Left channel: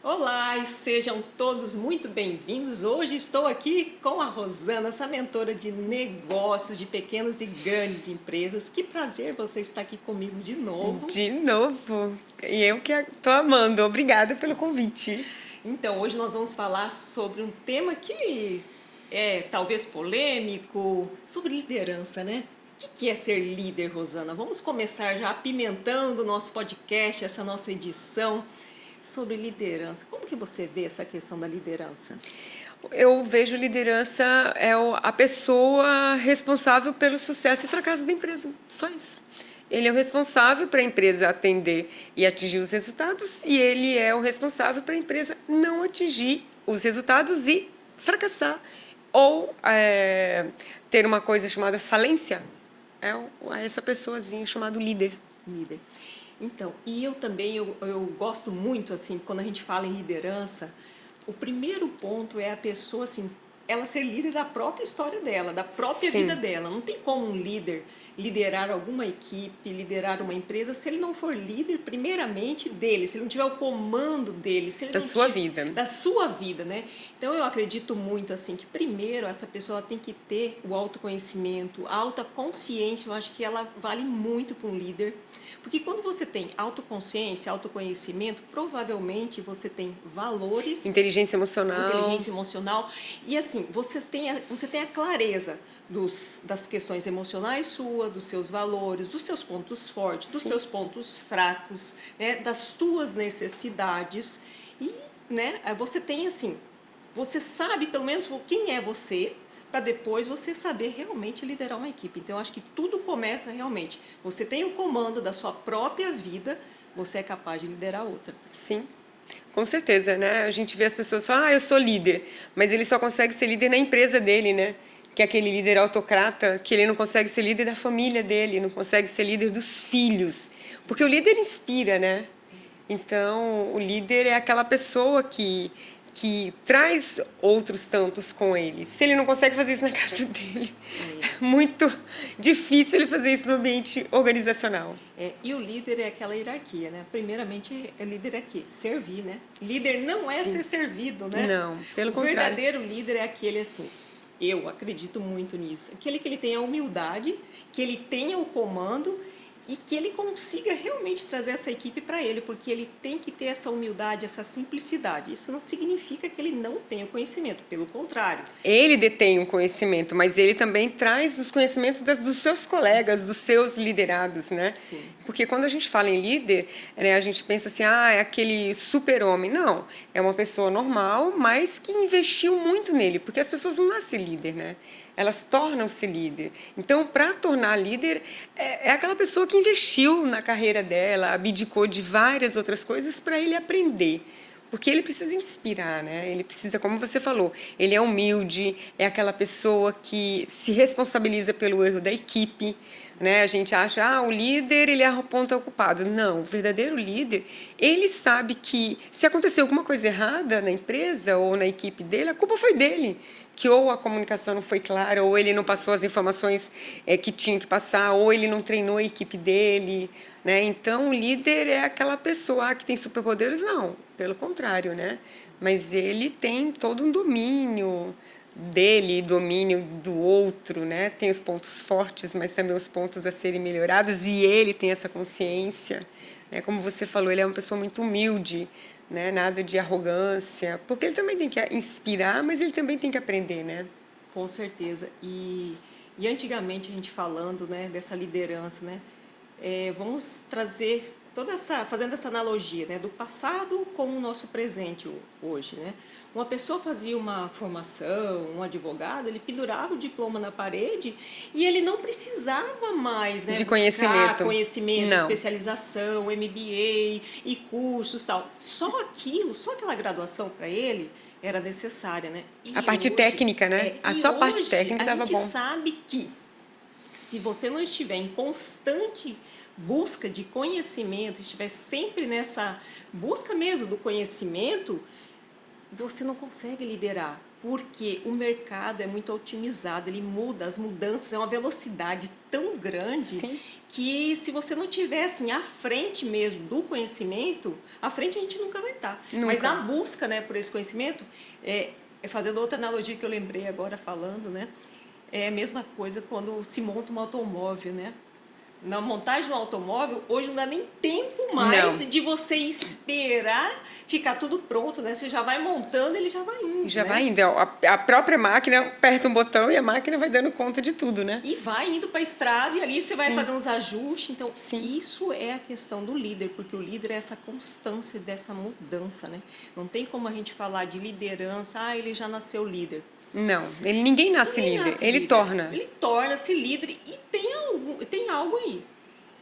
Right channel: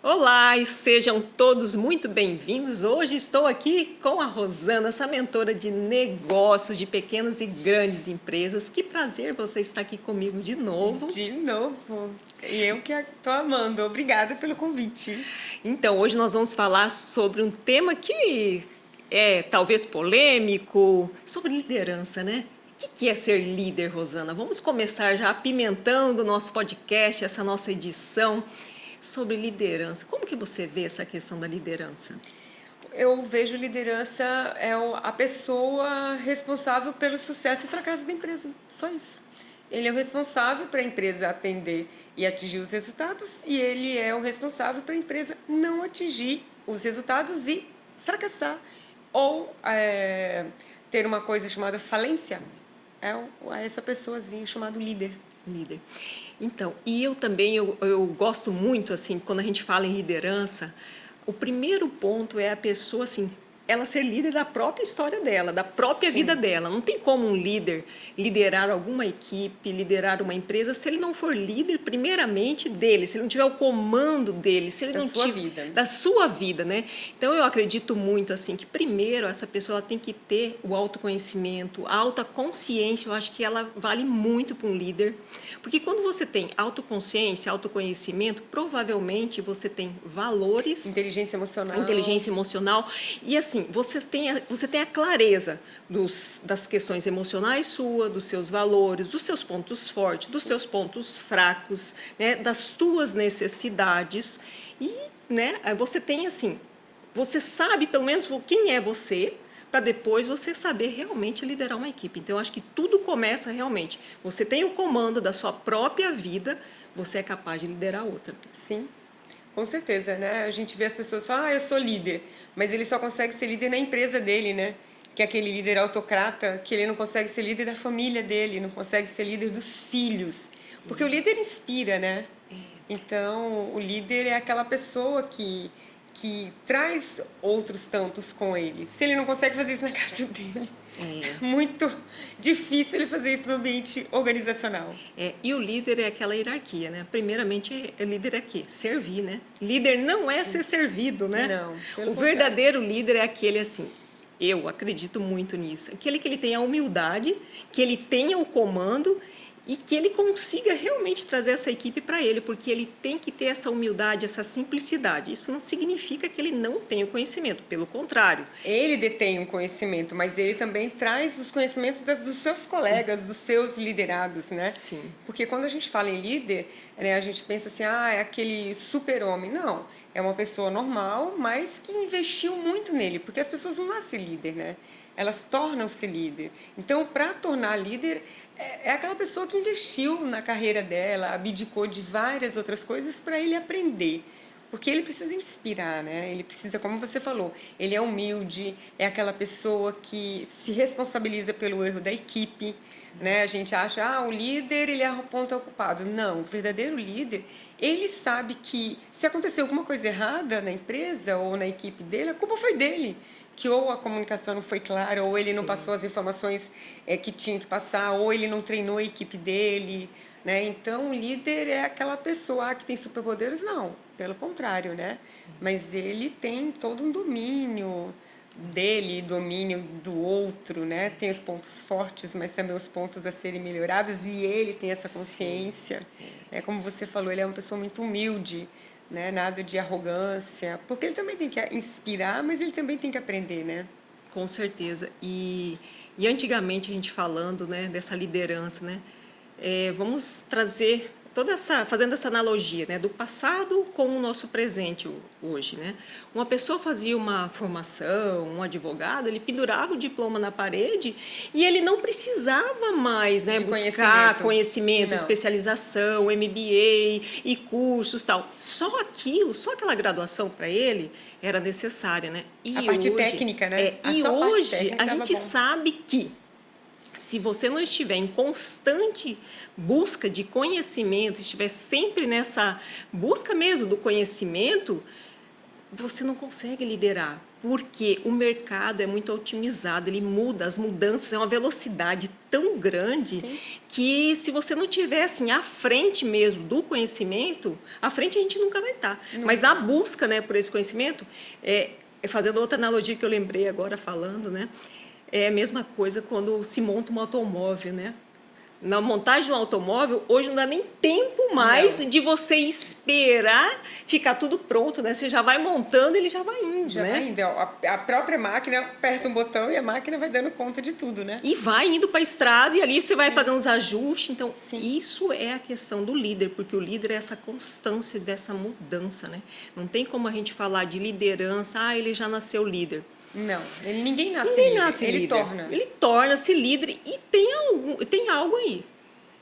Olá e sejam todos muito bem-vindos. Hoje estou aqui com a Rosana, essa mentora de negócios de pequenas e grandes empresas. Que prazer você estar aqui comigo de novo. De novo. E eu que estou amando. Obrigada pelo convite. Então, hoje nós vamos falar sobre um tema que é talvez polêmico, sobre liderança, né? O que é ser líder, Rosana? Vamos começar já apimentando o nosso podcast, essa nossa edição sobre liderança. Como que você vê essa questão da liderança? Eu vejo liderança a pessoa responsável pelo sucesso e fracasso da empresa. Só isso. Ele é o responsável para a empresa atender e atingir os resultados e ele é o responsável para a empresa não atingir os resultados e fracassar ou ter uma coisa chamada falência. É essa pessoazinha chamada líder. Líder. Então, e eu também, eu gosto muito, assim, quando a gente fala em liderança, o primeiro ponto é a pessoa, assim, ela ser líder da própria história dela, da própria Sim. vida dela. Não tem como um líder liderar alguma equipe, liderar uma empresa, se ele não for líder, primeiramente, dele, se ele não tiver o comando dele, se ele Da não sua tiver, vida. da sua vida, né? Então, eu acredito muito, assim, que primeiro essa pessoa ela tem que ter o autoconhecimento, a alta consciência, eu acho que ela vale muito para um líder, porque quando você tem autoconsciência, autoconhecimento, provavelmente você tem valores, Inteligência emocional e assim, você tem a clareza das questões emocionais sua, dos seus valores, dos seus pontos fortes, dos seus pontos fracos, né, das tuas necessidades e, né, você tem assim, você sabe pelo menos quem é você, para depois você saber realmente liderar uma equipe. Então, eu acho que tudo começa realmente. Você tem o comando da sua própria vida, você é capaz de liderar outra. Sim, com certeza, né? A gente vê as pessoas falar, eu sou líder, mas ele só consegue ser líder na empresa dele, né? Que é aquele líder autocrata, que ele não consegue ser líder da família dele, não consegue ser líder dos filhos. Porque o líder inspira, né? Então, o líder é aquela pessoa que traz outros tantos com ele. Se ele não consegue fazer isso na casa dele, é muito difícil ele fazer isso no ambiente organizacional. E o líder é aquela hierarquia, né? Primeiramente, líder é quê? Servir, né? Líder não é ser servido, né? Não, pelo o contrário. verdadeiro líder é aquele assim, eu acredito muito nisso, aquele que ele tenha a humildade, que ele tenha o comando e que ele consiga realmente trazer essa equipe para ele, porque ele tem que ter essa humildade, essa simplicidade. Isso não significa que ele não tenha o conhecimento, pelo contrário. Ele detém um conhecimento, mas ele também traz os conhecimentos dos seus colegas, dos seus liderados, né? Sim. Porque quando a gente fala em líder, né, a gente pensa assim, é aquele super-homem. Não, é uma pessoa normal, mas que investiu muito nele, porque as pessoas não nascem líder, né? Elas tornam-se líder. Então, para tornar líder, é aquela pessoa que investiu na carreira dela, abdicou de várias outras coisas para ele aprender. Porque ele precisa inspirar, né? Ele precisa, como você falou, ele é humilde, é aquela pessoa que se responsabiliza pelo erro da equipe, né? A gente acha, o líder, ele é o ponto ocupado. Não, o verdadeiro líder, ele sabe que se acontecer alguma coisa errada na empresa ou na equipe dele, a culpa foi dele. Que ou a comunicação não foi clara, ou ele não passou as informações que tinha que passar, ou ele não treinou a equipe dele, né? Então, o líder é aquela pessoa que tem superpoderes? Não, pelo contrário, né? Mas ele tem todo um domínio dele, domínio do outro, né? Tem os pontos fortes, mas também os pontos a serem melhorados, e ele tem essa consciência. Né? Como você falou, ele é uma pessoa muito humilde, né? Nada de arrogância, porque ele também tem que inspirar, mas ele também tem que aprender, né? Com certeza. E antigamente a gente falando, né, dessa liderança, né, vamos trazer fazendo essa analogia, né, do passado com o nosso presente hoje, né? Uma pessoa fazia uma formação, um advogado, ele pendurava o diploma na parede e ele não precisava mais, né, De buscar conhecimento, Não. especialização, MBA e cursos, tal. Só aquela graduação para ele era necessária, né? E a parte hoje, técnica, né? E Só parte hoje técnica a dava gente bom. sabe que se você não estiver em constante busca de conhecimento, estiver sempre nessa busca mesmo do conhecimento, você não consegue liderar, porque o mercado é muito otimizado, ele muda, as mudanças é uma velocidade tão grande Sim. que se você não tiver assim à frente mesmo do conhecimento, à frente a gente nunca vai estar. Mas Nunca. na busca, né, por esse conhecimento, fazendo outra analogia que eu lembrei agora falando, né, é a mesma coisa quando se monta um automóvel, né? Na montagem de um automóvel, hoje não dá nem tempo mais Não. de você esperar ficar tudo pronto, né? Você já vai montando, ele já vai indo, Já né? vai indo. A própria máquina aperta um botão e a máquina vai dando conta de tudo, né? E vai indo para a estrada e ali você vai Sim. fazer uns ajustes. Então, Sim. isso é a questão do líder, porque o líder é essa constância dessa mudança, né? Não tem como a gente falar de liderança, ele já nasceu líder. Não, ninguém nasce Ninguém líder, nasce ele líder. torna. Ele torna-se líder e tem algo aí,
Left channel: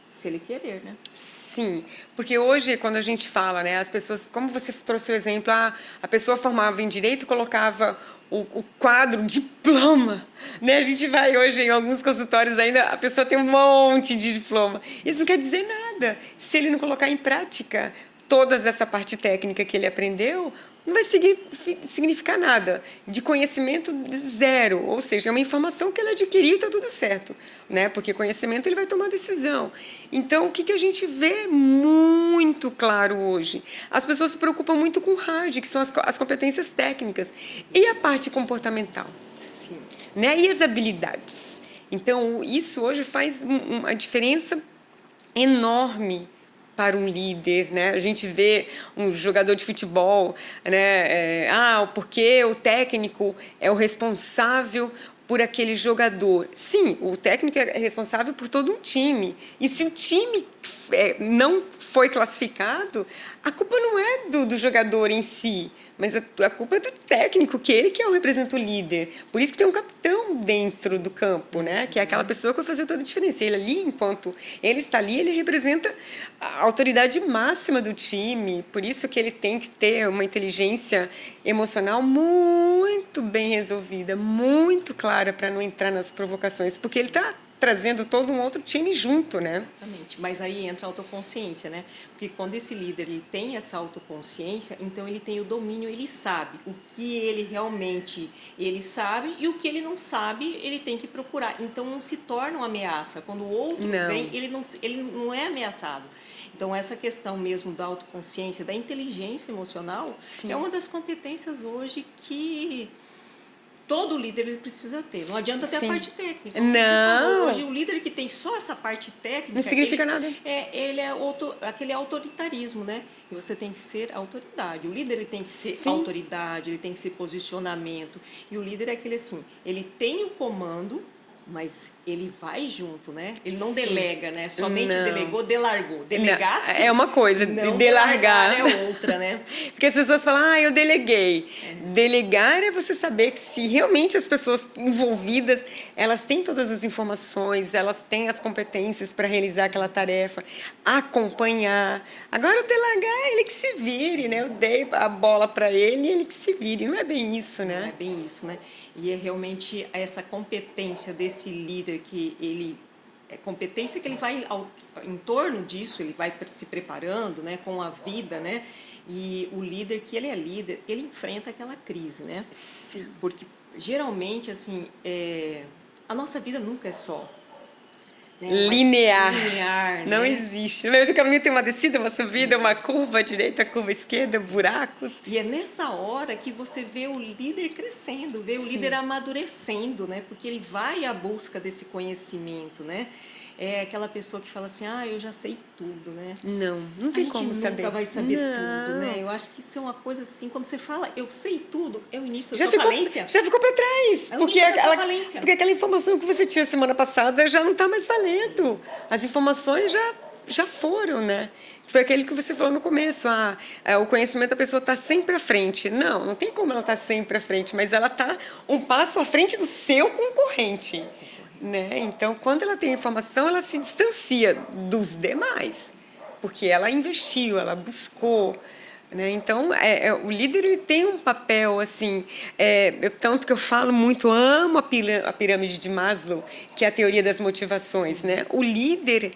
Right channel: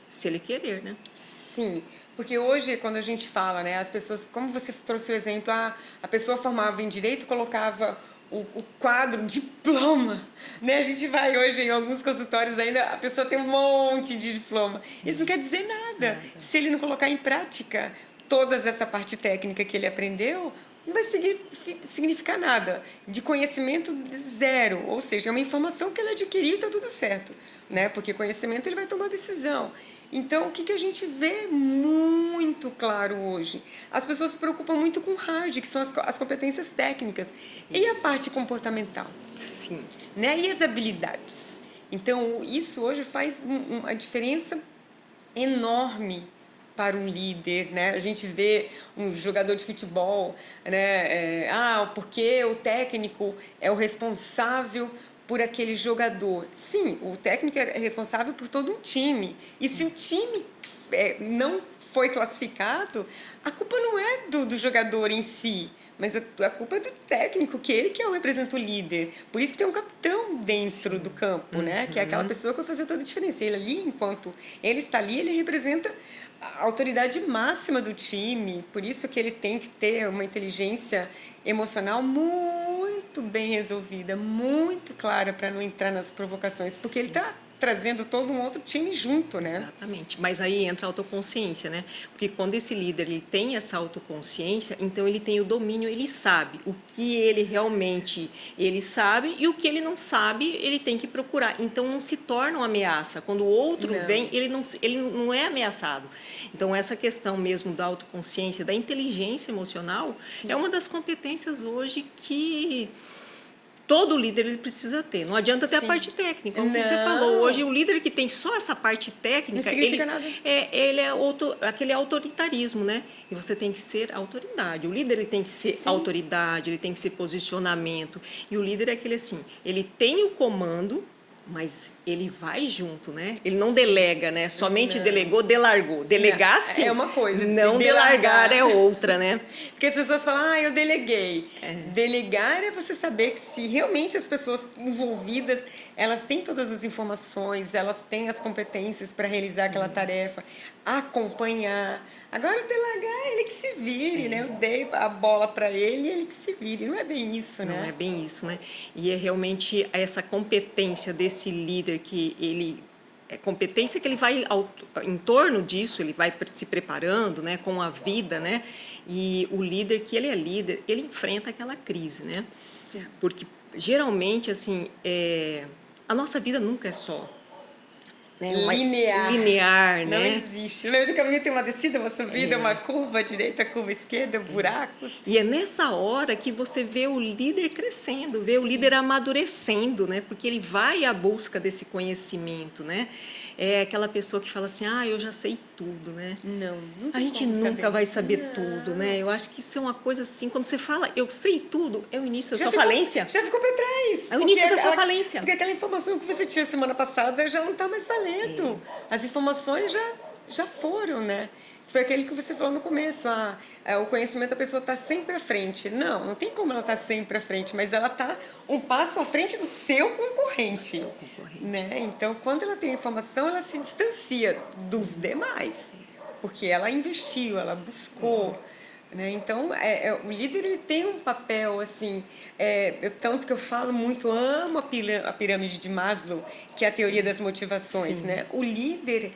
se ele querer, né? Sim, porque hoje, quando a gente fala, né, as pessoas, como você trouxe o exemplo, a pessoa formava em direito, colocava o quadro diploma, né? A gente vai hoje em alguns consultórios ainda, a pessoa tem um monte de diploma. Isso não quer dizer nada. Se ele não colocar em prática toda essa parte técnica que ele aprendeu, não vai significar nada. De conhecimento zero, ou seja, é uma informação que ele adquiriu e está tudo certo, né? Porque conhecimento ele vai tomar decisão. Então, o que a gente vê muito claro hoje? As pessoas se preocupam muito com hard, que são as competências técnicas, e a parte comportamental, Sim. né? E as habilidades. Então, isso hoje faz uma diferença enorme para um líder, né? A gente vê um jogador de futebol, né? Porque o técnico é o responsável por aquele jogador. Sim, o técnico é responsável por todo um time. E se o time não foi classificado, a culpa não é do jogador em si, mas a culpa é do técnico, que ele que representa o líder. Por isso que tem um capitão dentro do campo, né? Que é aquela pessoa que vai fazer toda a diferença. Ele ali, enquanto ele está ali, ele representa a autoridade máxima do time. Por isso que ele tem que ter uma inteligência emocional muito bem resolvida, muito clara para não entrar nas provocações, porque ele está trazendo todo um outro time junto, né? Exatamente. Mas aí entra a autoconsciência, né? Porque quando esse líder ele tem essa autoconsciência, então ele tem o domínio, ele sabe o que ele realmente ele sabe e o que ele não sabe, ele tem que procurar. Então não se torna uma ameaça. Quando o outro vem, ele não é ameaçado. Então essa questão mesmo da autoconsciência, da inteligência emocional, Sim. é uma das competências hoje que todo líder ele precisa ter. Não adianta ter a parte técnica. Como você falou, hoje o líder que tem só essa parte técnica, não significa nada. Ele é aquele autoritarismo, né? E você tem que ser autoridade. O líder ele tem que ser Sim. autoridade, ele tem que ser posicionamento. E o líder é aquele assim, ele tem o comando, mas ele vai junto, né? Ele não delega, né? Somente delegou, delargou. Delegar, sim. É uma coisa. Não delargar é outra, né? Porque as pessoas falam, eu deleguei. Delegar é você saber que se realmente as pessoas envolvidas, elas têm todas as informações, elas têm as competências para realizar aquela tarefa, acompanhar. Agora, o delegar, ele que se vire, né? Eu dei a bola para ele e ele que se vire. Não é bem isso, né? Não é bem isso, né? E é realmente essa competência desse líder que ele... É competência que ele vai em torno disso, ele vai se preparando, né, com a vida, né? E o líder que ele é líder, ele enfrenta aquela crise, né? Sim. Porque geralmente, assim, a nossa vida nunca é só... Né? Linear, não né? existe. No meio do caminho tem uma descida, uma subida, uma curva direita, curva esquerda, buracos. E é nessa hora que você vê o líder crescendo, vê o líder amadurecendo, né? Porque ele vai à busca desse conhecimento, né? É aquela pessoa que fala assim, eu já sei tudo, né? Não A tem gente como nunca saber. vai saber Não. tudo, né? Eu acho que isso é uma coisa assim, quando você fala, eu sei tudo, é o início da Já sua ficou, falência. já ficou para trás. É o início da sua falência. Porque aquela informação que você tinha semana passada já não está mais valendo. As informações já foram, né? Foi aquele que você falou no começo, o conhecimento da pessoa está sempre à frente. Não tem como ela estar sempre à frente, mas ela está um passo à frente do seu concorrente. Né? Então, quando ela tem informação, ela se distancia dos demais, porque ela investiu, ela buscou. Né? Então, o líder ele tem um papel, assim, tanto que eu falo muito, amo a pirâmide de Maslow, que é a teoria das motivações. Né? O líder,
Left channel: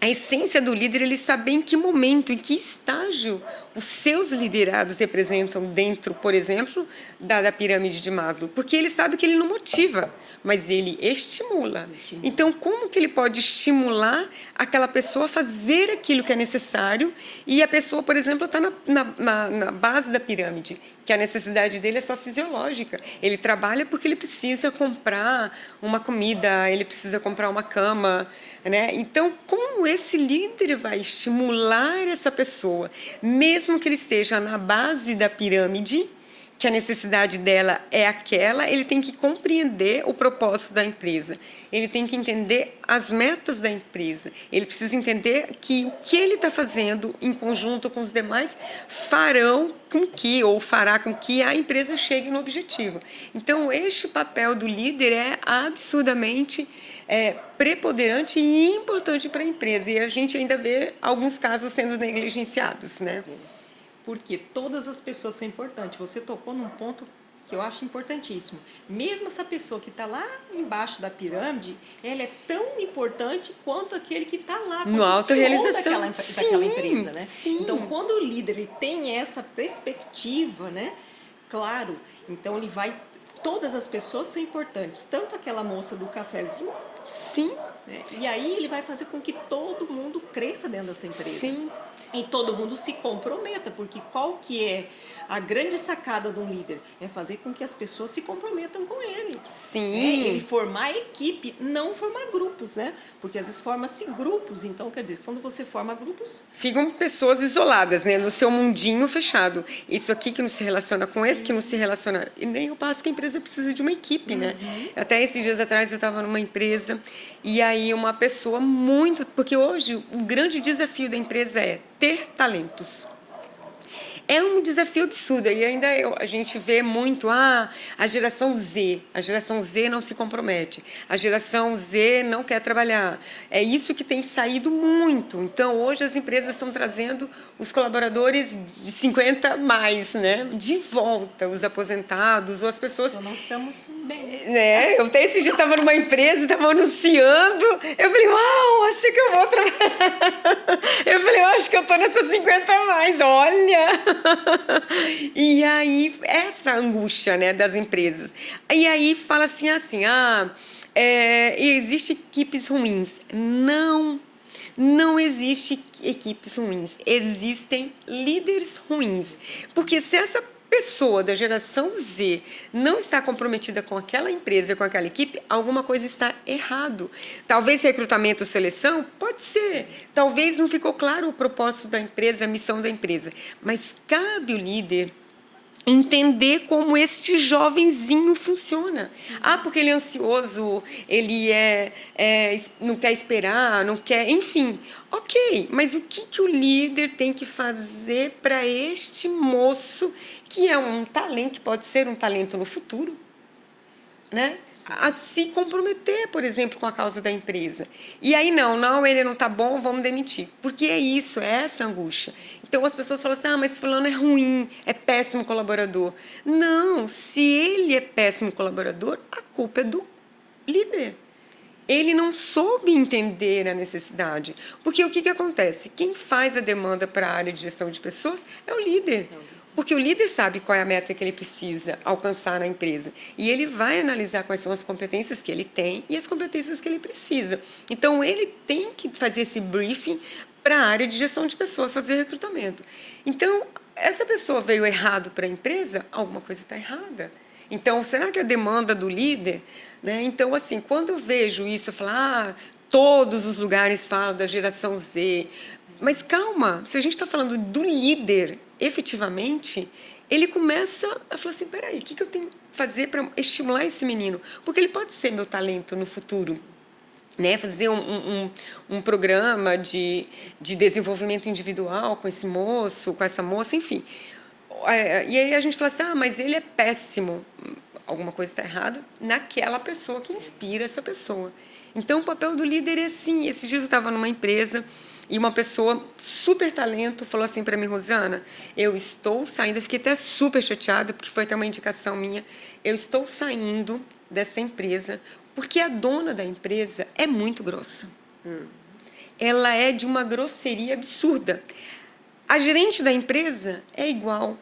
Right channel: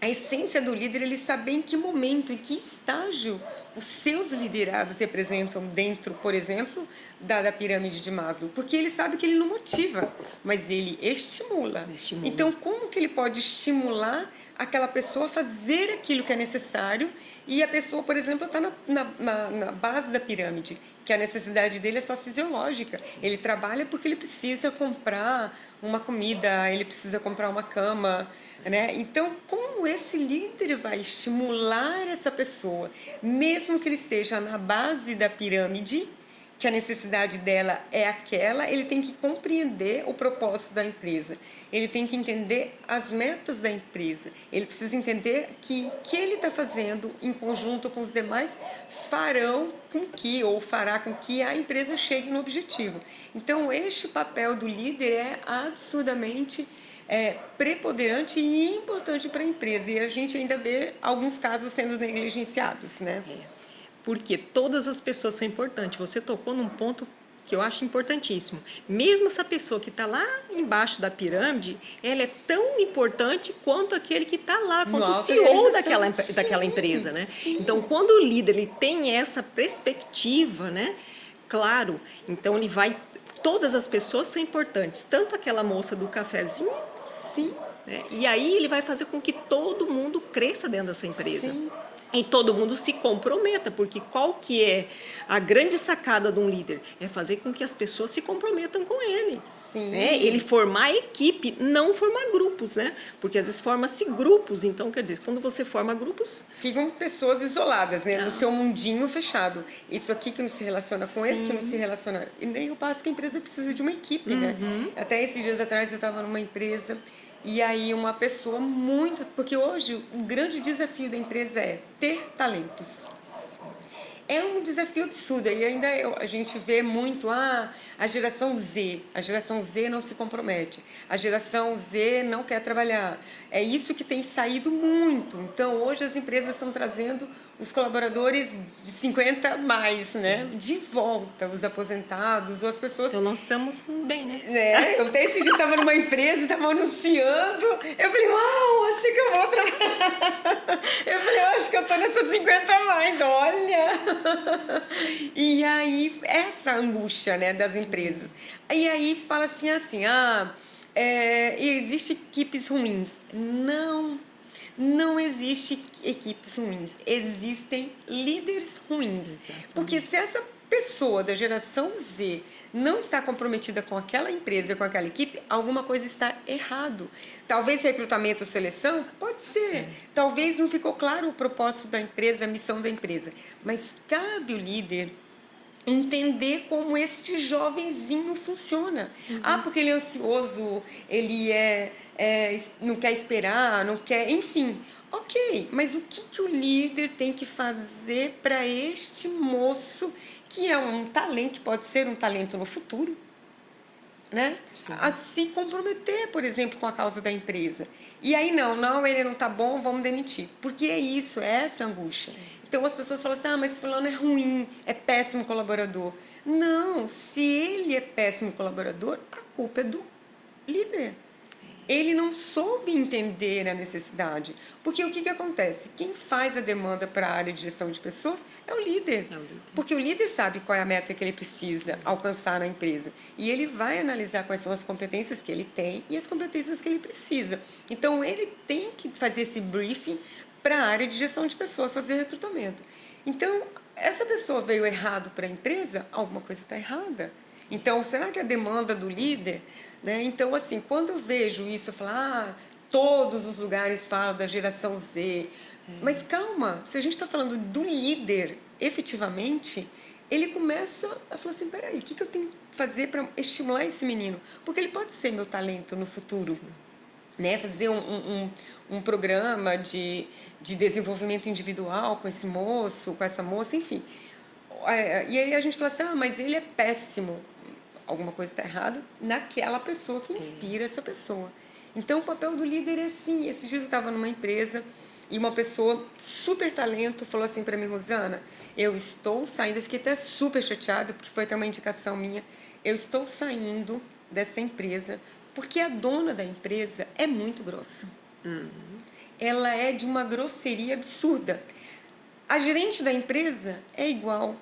a essência do líder, ele saber em que momento, em que estágio os seus liderados representam dentro, por exemplo, da pirâmide de Maslow? Porque ele sabe que ele não motiva, mas ele estimula. Então, como que ele pode estimular aquela pessoa a fazer aquilo que é necessário e a pessoa, por exemplo, está na base da pirâmide, que a necessidade dele é só fisiológica. Ele trabalha porque ele precisa comprar uma comida, ele precisa comprar uma cama, né? Então, como esse líder vai estimular essa pessoa, mesmo que ele esteja na base da pirâmide, que a necessidade dela é aquela, ele tem que compreender o propósito da empresa, ele tem que entender as metas da empresa, ele precisa entender que o que ele está fazendo em conjunto com os demais farão com que, ou fará com que a empresa chegue no objetivo. Então, este papel do líder é absurdamente preponderante e importante para a empresa. E a gente ainda vê alguns casos sendo negligenciados, né? Porque todas as pessoas são importantes. Você tocou num ponto que eu acho importantíssimo. Mesmo essa pessoa que está lá embaixo da pirâmide, ela é tão importante quanto aquele que está lá, quanto o CEO daquela empresa, né? Sim. Então, quando o líder ele tem essa perspectiva, né? Claro, então ele vai... Todas as pessoas são importantes, tanto aquela moça do cafezinho, sim, né? E aí ele vai fazer com que todo mundo cresça dentro dessa empresa. Sim. E todo mundo se comprometa, porque qual que é a grande sacada de um líder? É fazer com que as pessoas se comprometam com ele. Sim. Né? Ele formar equipe, não formar grupos, né? Porque às vezes forma-se grupos, então quer dizer, quando você forma grupos... Ficam pessoas isoladas, né? No seu mundinho fechado. Isso aqui que não se relaciona com esse que não se relaciona. E nem o passo que a empresa precisa de uma equipe, né? Até esses dias atrás eu estava numa empresa e aí uma pessoa muito... Porque hoje o grande desafio da empresa é ter talentos. É um desafio absurdo. E ainda a gente vê muito a geração Z. A geração Z não se compromete. A geração Z não quer trabalhar. É isso que tem saído muito. Então, hoje as empresas estão trazendo os colaboradores de 50 mais, né? De volta, os aposentados ou as pessoas... Então, nós estamos bem, né? Eu até esse dia estava numa empresa, estava anunciando. Eu falei, uau, acho que eu vou trabalhar. Eu falei, acho que eu estou nessas 50 a mais, olha. E aí, essa angústia, né, das empresas. E aí fala assim, existe equipes ruins. Não existe equipes ruins. Existem líderes ruins. Porque se essa pessoa da geração Z não está comprometida com aquela empresa, com aquela equipe, alguma coisa está errado. Talvez recrutamento ou seleção, pode ser. Talvez não ficou claro o propósito da empresa, a missão da empresa. Mas cabe o líder entender como este jovenzinho funciona. Porque ele é ansioso, ele não quer esperar, não quer... Enfim, ok. Mas o que o líder tem que fazer para este moço, que é um talento, que pode ser um talento no futuro, né? A se comprometer, por exemplo, com a causa da empresa. E aí, ele não está bom, vamos demitir. Porque é isso, é essa angústia. Então, as pessoas falam assim, mas fulano é ruim, é péssimo colaborador. Não, se ele é péssimo colaborador, a culpa é do líder. Ele não soube entender a necessidade. Porque o que acontece? Quem faz a demanda para a área de gestão de pessoas é o líder. Porque o líder sabe qual é a meta que ele precisa alcançar na empresa. E ele vai analisar quais são as competências que ele tem e as competências que ele precisa. Então, ele tem que fazer esse briefing para a área de gestão de pessoas, fazer recrutamento. Então, essa pessoa veio errado para a empresa, alguma coisa está errada. Então, será que a demanda do líder... Né? Então, assim, quando eu vejo isso, eu falo, todos os lugares falam da geração Z. Mas calma, se a gente está falando do líder, efetivamente, ele começa a falar assim, peraí, o que eu tenho que fazer para estimular esse menino? Porque ele pode ser meu talento no futuro. Né? Fazer um programa de desenvolvimento individual com esse moço, com essa moça, enfim. E aí a gente fala assim, mas ele é péssimo. Alguma coisa está errada naquela pessoa que inspira essa pessoa. Então, o papel do líder é assim. Esses dias eu estava numa empresa e uma pessoa super talento falou assim para mim, Rosana, eu estou saindo, eu fiquei até super chateada, porque foi até uma indicação minha, eu estou saindo dessa empresa porque a dona da empresa é muito grossa. Ela é de uma grosseria absurda. A gerente da empresa é igual.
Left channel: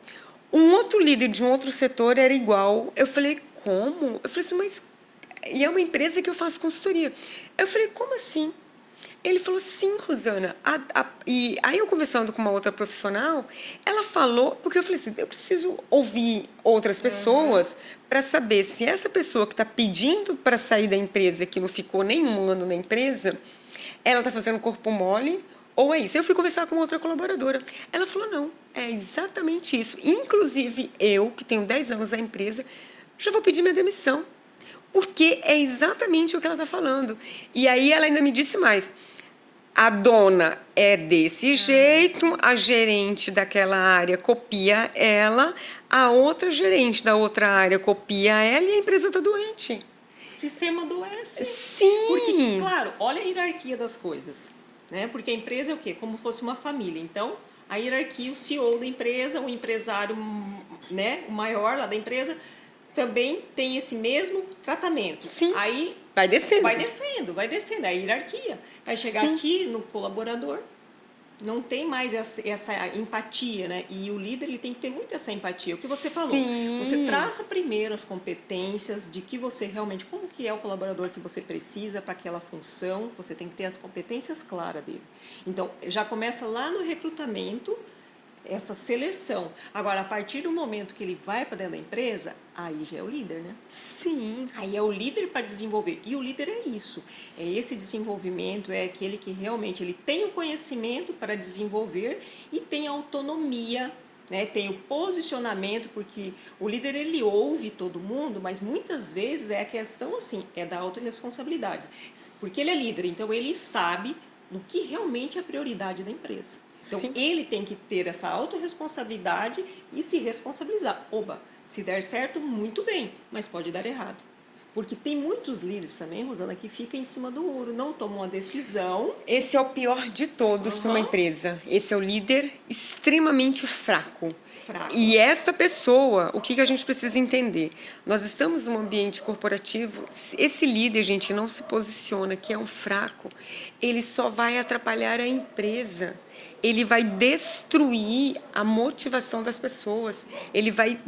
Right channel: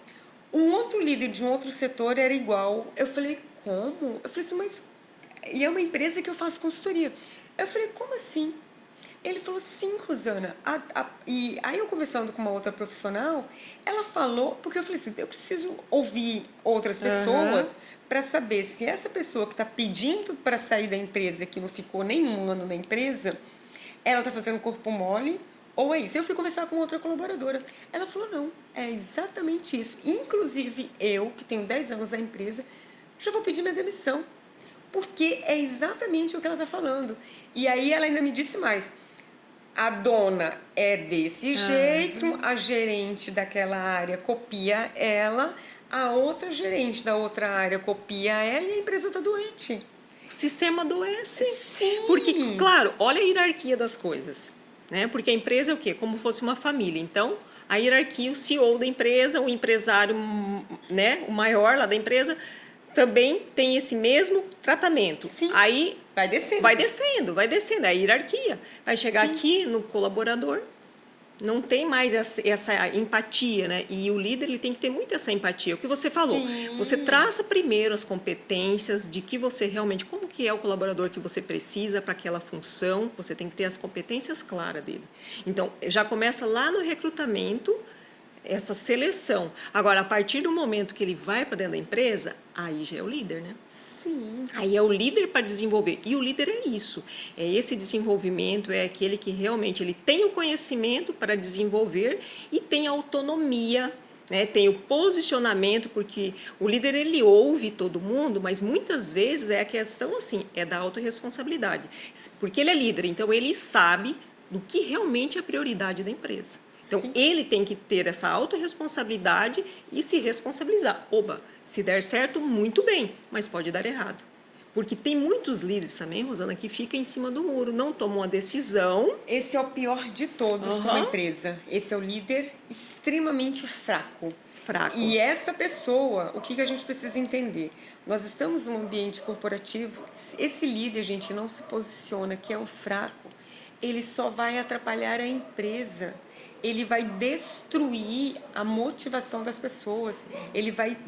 Um outro líder de um outro setor era igual. Eu falei, como? Eu falei assim, mas... E é uma empresa que eu faço consultoria. Eu falei, como assim? Ele falou, sim, Rosana. E aí eu conversando com uma outra profissional, ela falou, porque eu falei assim, eu preciso ouvir outras pessoas para saber se essa pessoa que está pedindo para sair da empresa, que não ficou nenhum ano na empresa, ela está fazendo corpo mole ou é isso. Eu fui conversar com outra colaboradora. Ela falou, não, é exatamente isso. Inclusive, eu, que tenho 10 anos na empresa, já vou pedir minha demissão. Porque é exatamente o que ela está falando. E aí ela ainda me disse mais. A dona é desse jeito, a gerente daquela área copia ela, a outra gerente da outra área copia ela e a empresa está doente. O sistema adoece. Sim. Porque, claro, olha a hierarquia das coisas, né? Porque a empresa é o quê? Como fosse uma família. Então, a hierarquia, o CEO da empresa, o empresário, né, o maior lá da empresa, também tem esse mesmo tratamento. Sim. Aí vai descendo. Vai descendo, é a hierarquia. Vai chegar Sim. aqui no colaborador, não tem mais essa empatia, né? E o líder ele tem que ter muito essa empatia. O que você falou, Sim. você traça primeiro as competências de que você realmente, como que é o colaborador que você precisa para aquela função, você tem que ter as competências claras dele. Então, já começa lá no recrutamento, essa seleção. Agora, a partir do momento que ele vai para dentro da empresa, aí já é o líder, né? Sim. Aí é o líder para desenvolver. E o líder é isso. É esse desenvolvimento, é aquele que realmente ele tem o conhecimento para desenvolver e tem autonomia, né? Tem o posicionamento, porque o líder ele ouve todo mundo, mas muitas vezes é a questão assim, é da autorresponsabilidade. Porque ele é líder, então ele sabe do que realmente é a prioridade da empresa. Então, Sim. ele tem que ter essa autorresponsabilidade e se responsabilizar. Oba, se der certo, muito bem, mas pode dar errado. Porque tem muitos líderes também, Rosana, que ficam em cima do muro, não tomam a decisão. Esse é o pior de todos para uma empresa. Esse é o líder extremamente fraco. E esta pessoa, o que a gente precisa entender? Nós estamos num ambiente corporativo, esse líder, gente, não se posiciona, que é um fraco, ele só vai atrapalhar a empresa. Ele vai destruir a motivação das pessoas. Ele vai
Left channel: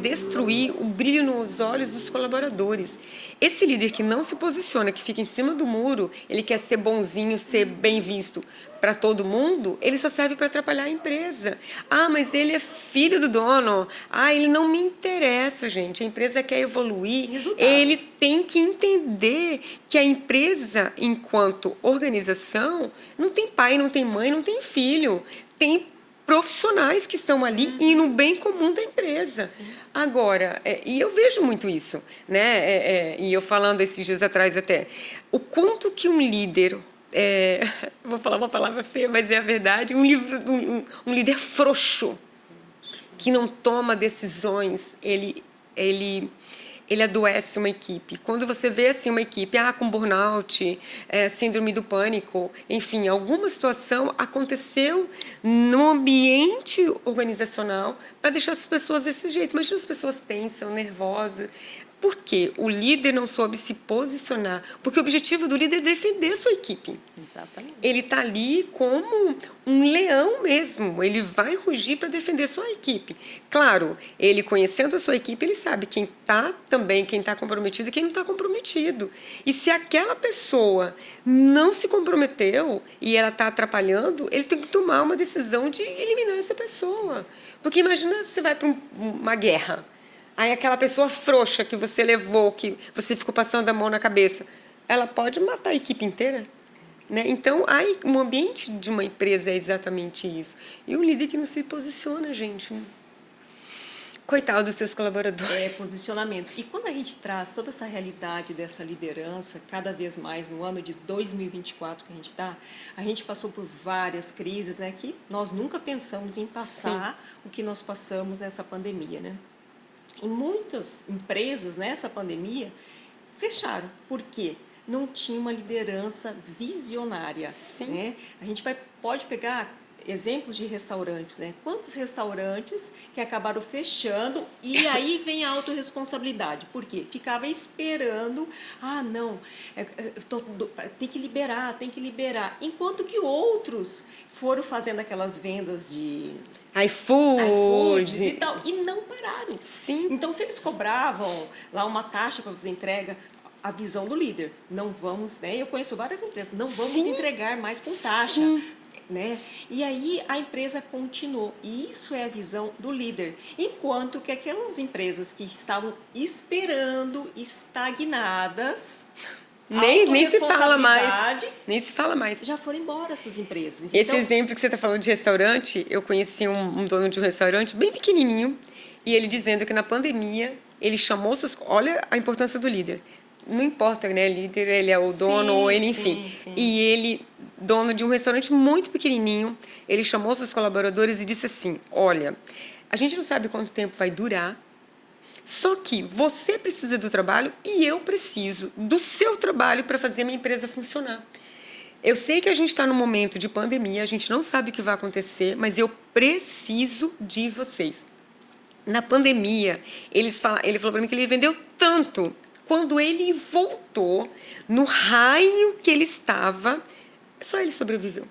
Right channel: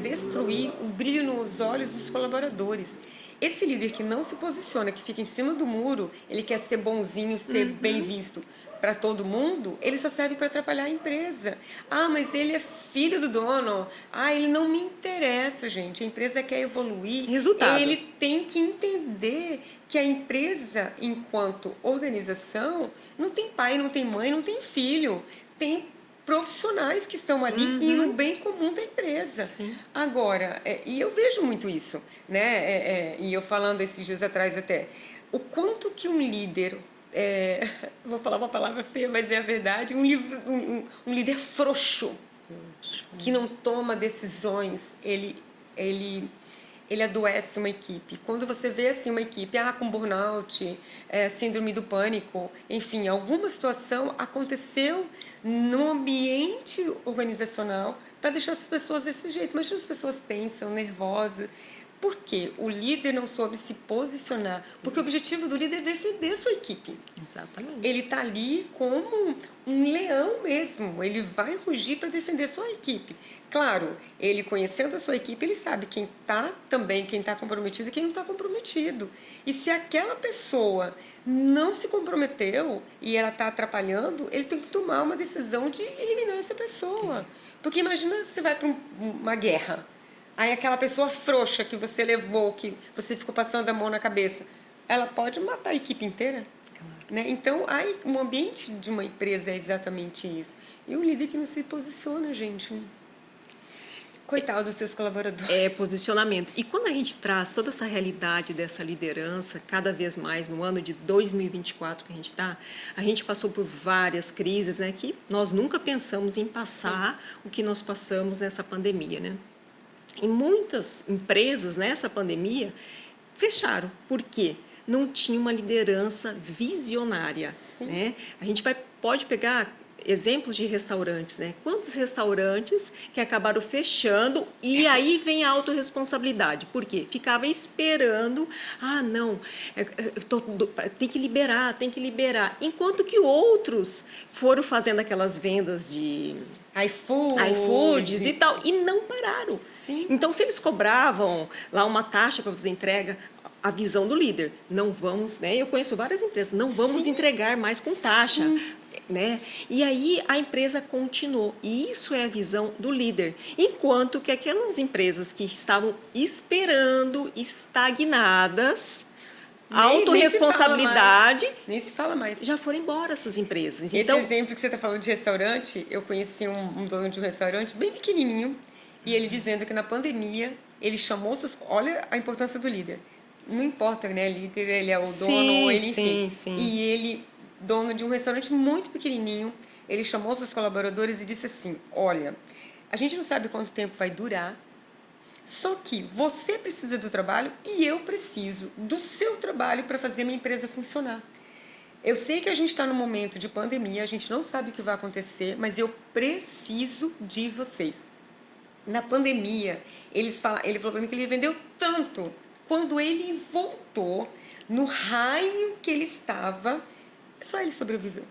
destruir o brilho nos olhos dos colaboradores. Esse líder que não se posiciona, que fica em cima do muro, ele quer ser bonzinho, ser bem visto para todo mundo, ele só serve para atrapalhar a empresa. Ah, mas ele é filho do dono. Ah, ele não me interessa, gente. A empresa quer evoluir. Resultado. Ele tem que entender que a empresa, enquanto organização, não tem pai, não tem mãe, não tem filho. Tem profissionais que estão ali e no bem comum da empresa. Sim. Agora, e eu vejo muito isso, né? E eu falando esses dias atrás até, o quanto que um líder, vou falar uma palavra feia, mas é a verdade, um líder frouxo, que não toma decisões, ele adoece uma equipe. Quando você vê assim uma equipe com burnout, síndrome do pânico, enfim, alguma situação aconteceu no ambiente organizacional para deixar as pessoas desse jeito. Imagina as pessoas tensas, nervosas. Por quê? O líder não soube se posicionar. Porque o objetivo do líder é defender a sua equipe. Exatamente. Ele está ali como um leão mesmo. Ele vai rugir para defender a sua equipe. Claro, ele conhecendo a sua equipe, ele sabe quem está comprometido e quem não está comprometido. E se aquela pessoa não se comprometeu e ela está atrapalhando, ele tem que tomar uma decisão de eliminar essa pessoa. Porque imagina você vai para uma guerra. Aí aquela pessoa frouxa que você levou, que você ficou passando a mão na cabeça, ela pode matar a equipe inteira. Né? Então, o ambiente de uma empresa é exatamente isso. E o líder que não se posiciona, gente. Coitado dos seus colaboradores. É posicionamento. E quando a gente traz toda essa realidade dessa liderança, cada vez mais no ano de 2024 que a gente passou por várias crises, né, que nós nunca pensamos em passar o que nós passamos nessa pandemia, né? E muitas empresas nessa pandemia fecharam. Por quê? Não tinha uma liderança visionária. Sim. Né? A gente pode pegar exemplos de restaurantes, né? Quantos restaurantes que acabaram fechando e aí vem a autorresponsabilidade. Por quê? Ficava esperando, não, tem que liberar, tem que liberar. Enquanto que outros foram fazendo aquelas vendas de iFoods e tal, e não pararam. Sim. Então, se eles cobravam lá uma taxa para fazer entrega, a visão do líder, não vamos, né? Eu conheço várias empresas, não vamos Sim. entregar mais com taxa, né? E aí a empresa continuou. E isso é a visão do líder. Enquanto que aquelas empresas que estavam esperando, estagnadas, autorresponsabilidade, nem se fala mais. já foram embora essas empresas. Esse exemplo que você está falando de restaurante, eu conheci um dono de um restaurante bem pequenininho e ele dizendo que na pandemia ele chamou seus... Olha a importância do líder. Não importa, né? Líder, ele é o dono, ou ele, enfim. Sim. E ele, dono de um restaurante muito pequenininho, ele chamou seus colaboradores e disse assim: olha, a gente não sabe quanto tempo vai durar, só que você precisa do trabalho e eu preciso do seu trabalho para fazer a minha empresa funcionar. Eu sei que a gente está num momento de pandemia, a gente não sabe o que vai acontecer, mas eu preciso de vocês. Na pandemia, ele falou para mim que ele vendeu tanto. Quando ele voltou, no raio que ele estava, só ele sobreviveu.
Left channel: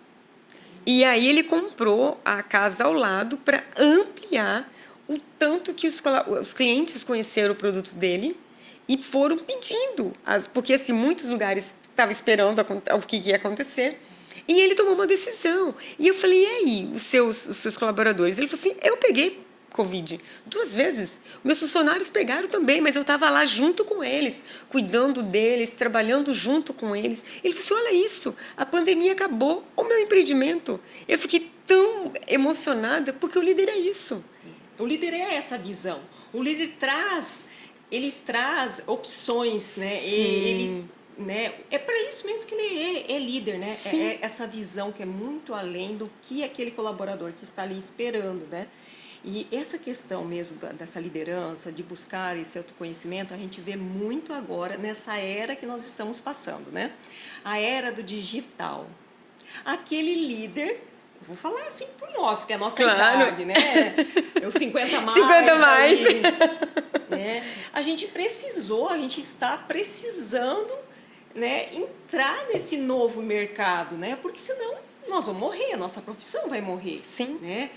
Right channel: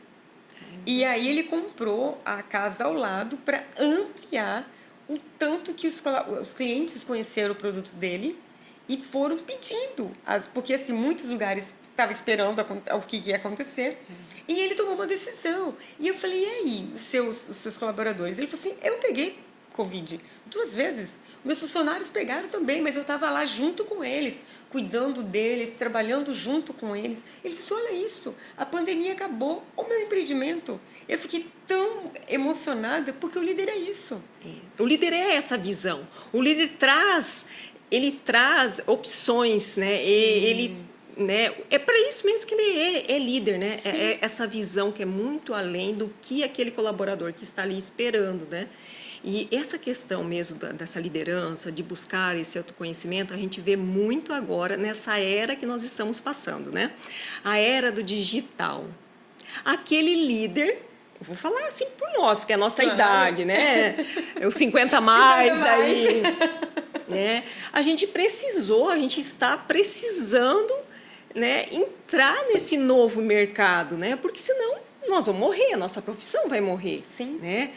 E aí ele comprou a casa ao lado para ampliar o tanto que os clientes conheceram o produto dele e foram pedindo. Porque assim, muitos lugares estavam esperando o que ia acontecer. E ele tomou uma decisão. E eu falei, e aí, os seus colaboradores? Ele falou assim, eu peguei Covid 2 vezes. Meus funcionários pegaram também, mas eu estava lá junto com eles, cuidando deles, trabalhando junto com eles. Ele falou assim, olha isso, a pandemia acabou, o meu empreendimento. Eu fiquei tão emocionada, porque o líder é isso. O líder é essa visão. O líder traz opções, né? Ele, né? É para isso mesmo que ele é líder, né? É essa visão que é muito além do que aquele colaborador que está ali esperando, né? E essa questão mesmo dessa liderança, de buscar esse autoconhecimento, a gente vê muito agora nessa era que nós estamos passando, né? A era do digital. Aquele líder, eu vou falar assim por nós, porque é a nossa idade, né? É os 50 mais. 50 mais. Aí, né? A gente está precisando, né, entrar nesse novo mercado, né? Porque senão nós vamos morrer, a nossa profissão vai morrer. Sim. Né?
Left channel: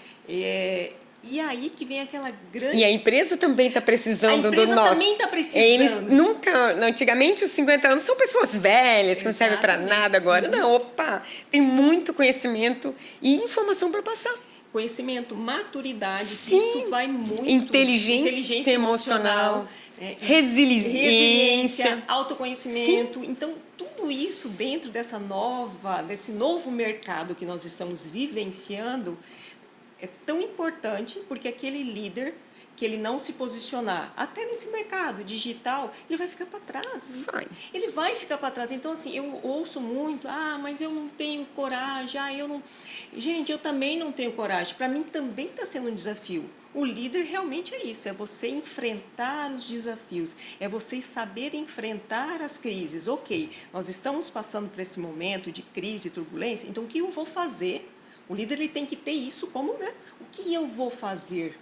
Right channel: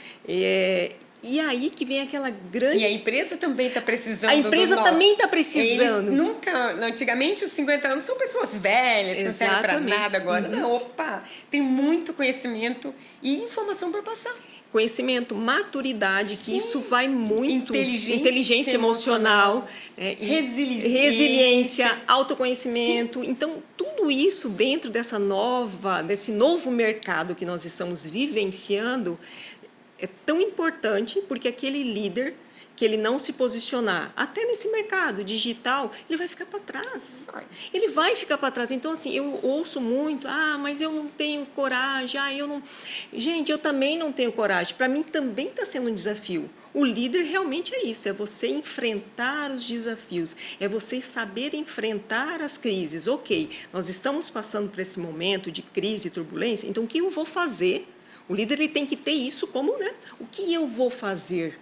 E aí que vem aquela grande... E a empresa também está precisando. A empresa também está precisando. Eles nunca... Antigamente, os 50 anos são pessoas velhas, que não servem para nada agora. Não, opa, tem muito conhecimento e informação para passar. Conhecimento, maturidade, que isso vai muito... Inteligência emocional, resiliência, autoconhecimento. Sim. Então, tudo isso dentro desse novo mercado que nós estamos vivenciando é tão importante, porque aquele líder que ele não se posicionar, até nesse mercado digital, ele vai ficar para trás. Ele vai ficar para trás. Então, assim, eu ouço muito, mas eu não tenho coragem, eu não... Gente, eu também não tenho coragem. Para mim também está sendo um desafio. O líder realmente é isso, é você enfrentar os desafios, é você saber enfrentar as crises. Ok, nós estamos passando por esse momento de crise e turbulência, então o que eu vou fazer? O líder ele tem que ter isso como, né? O que eu vou fazer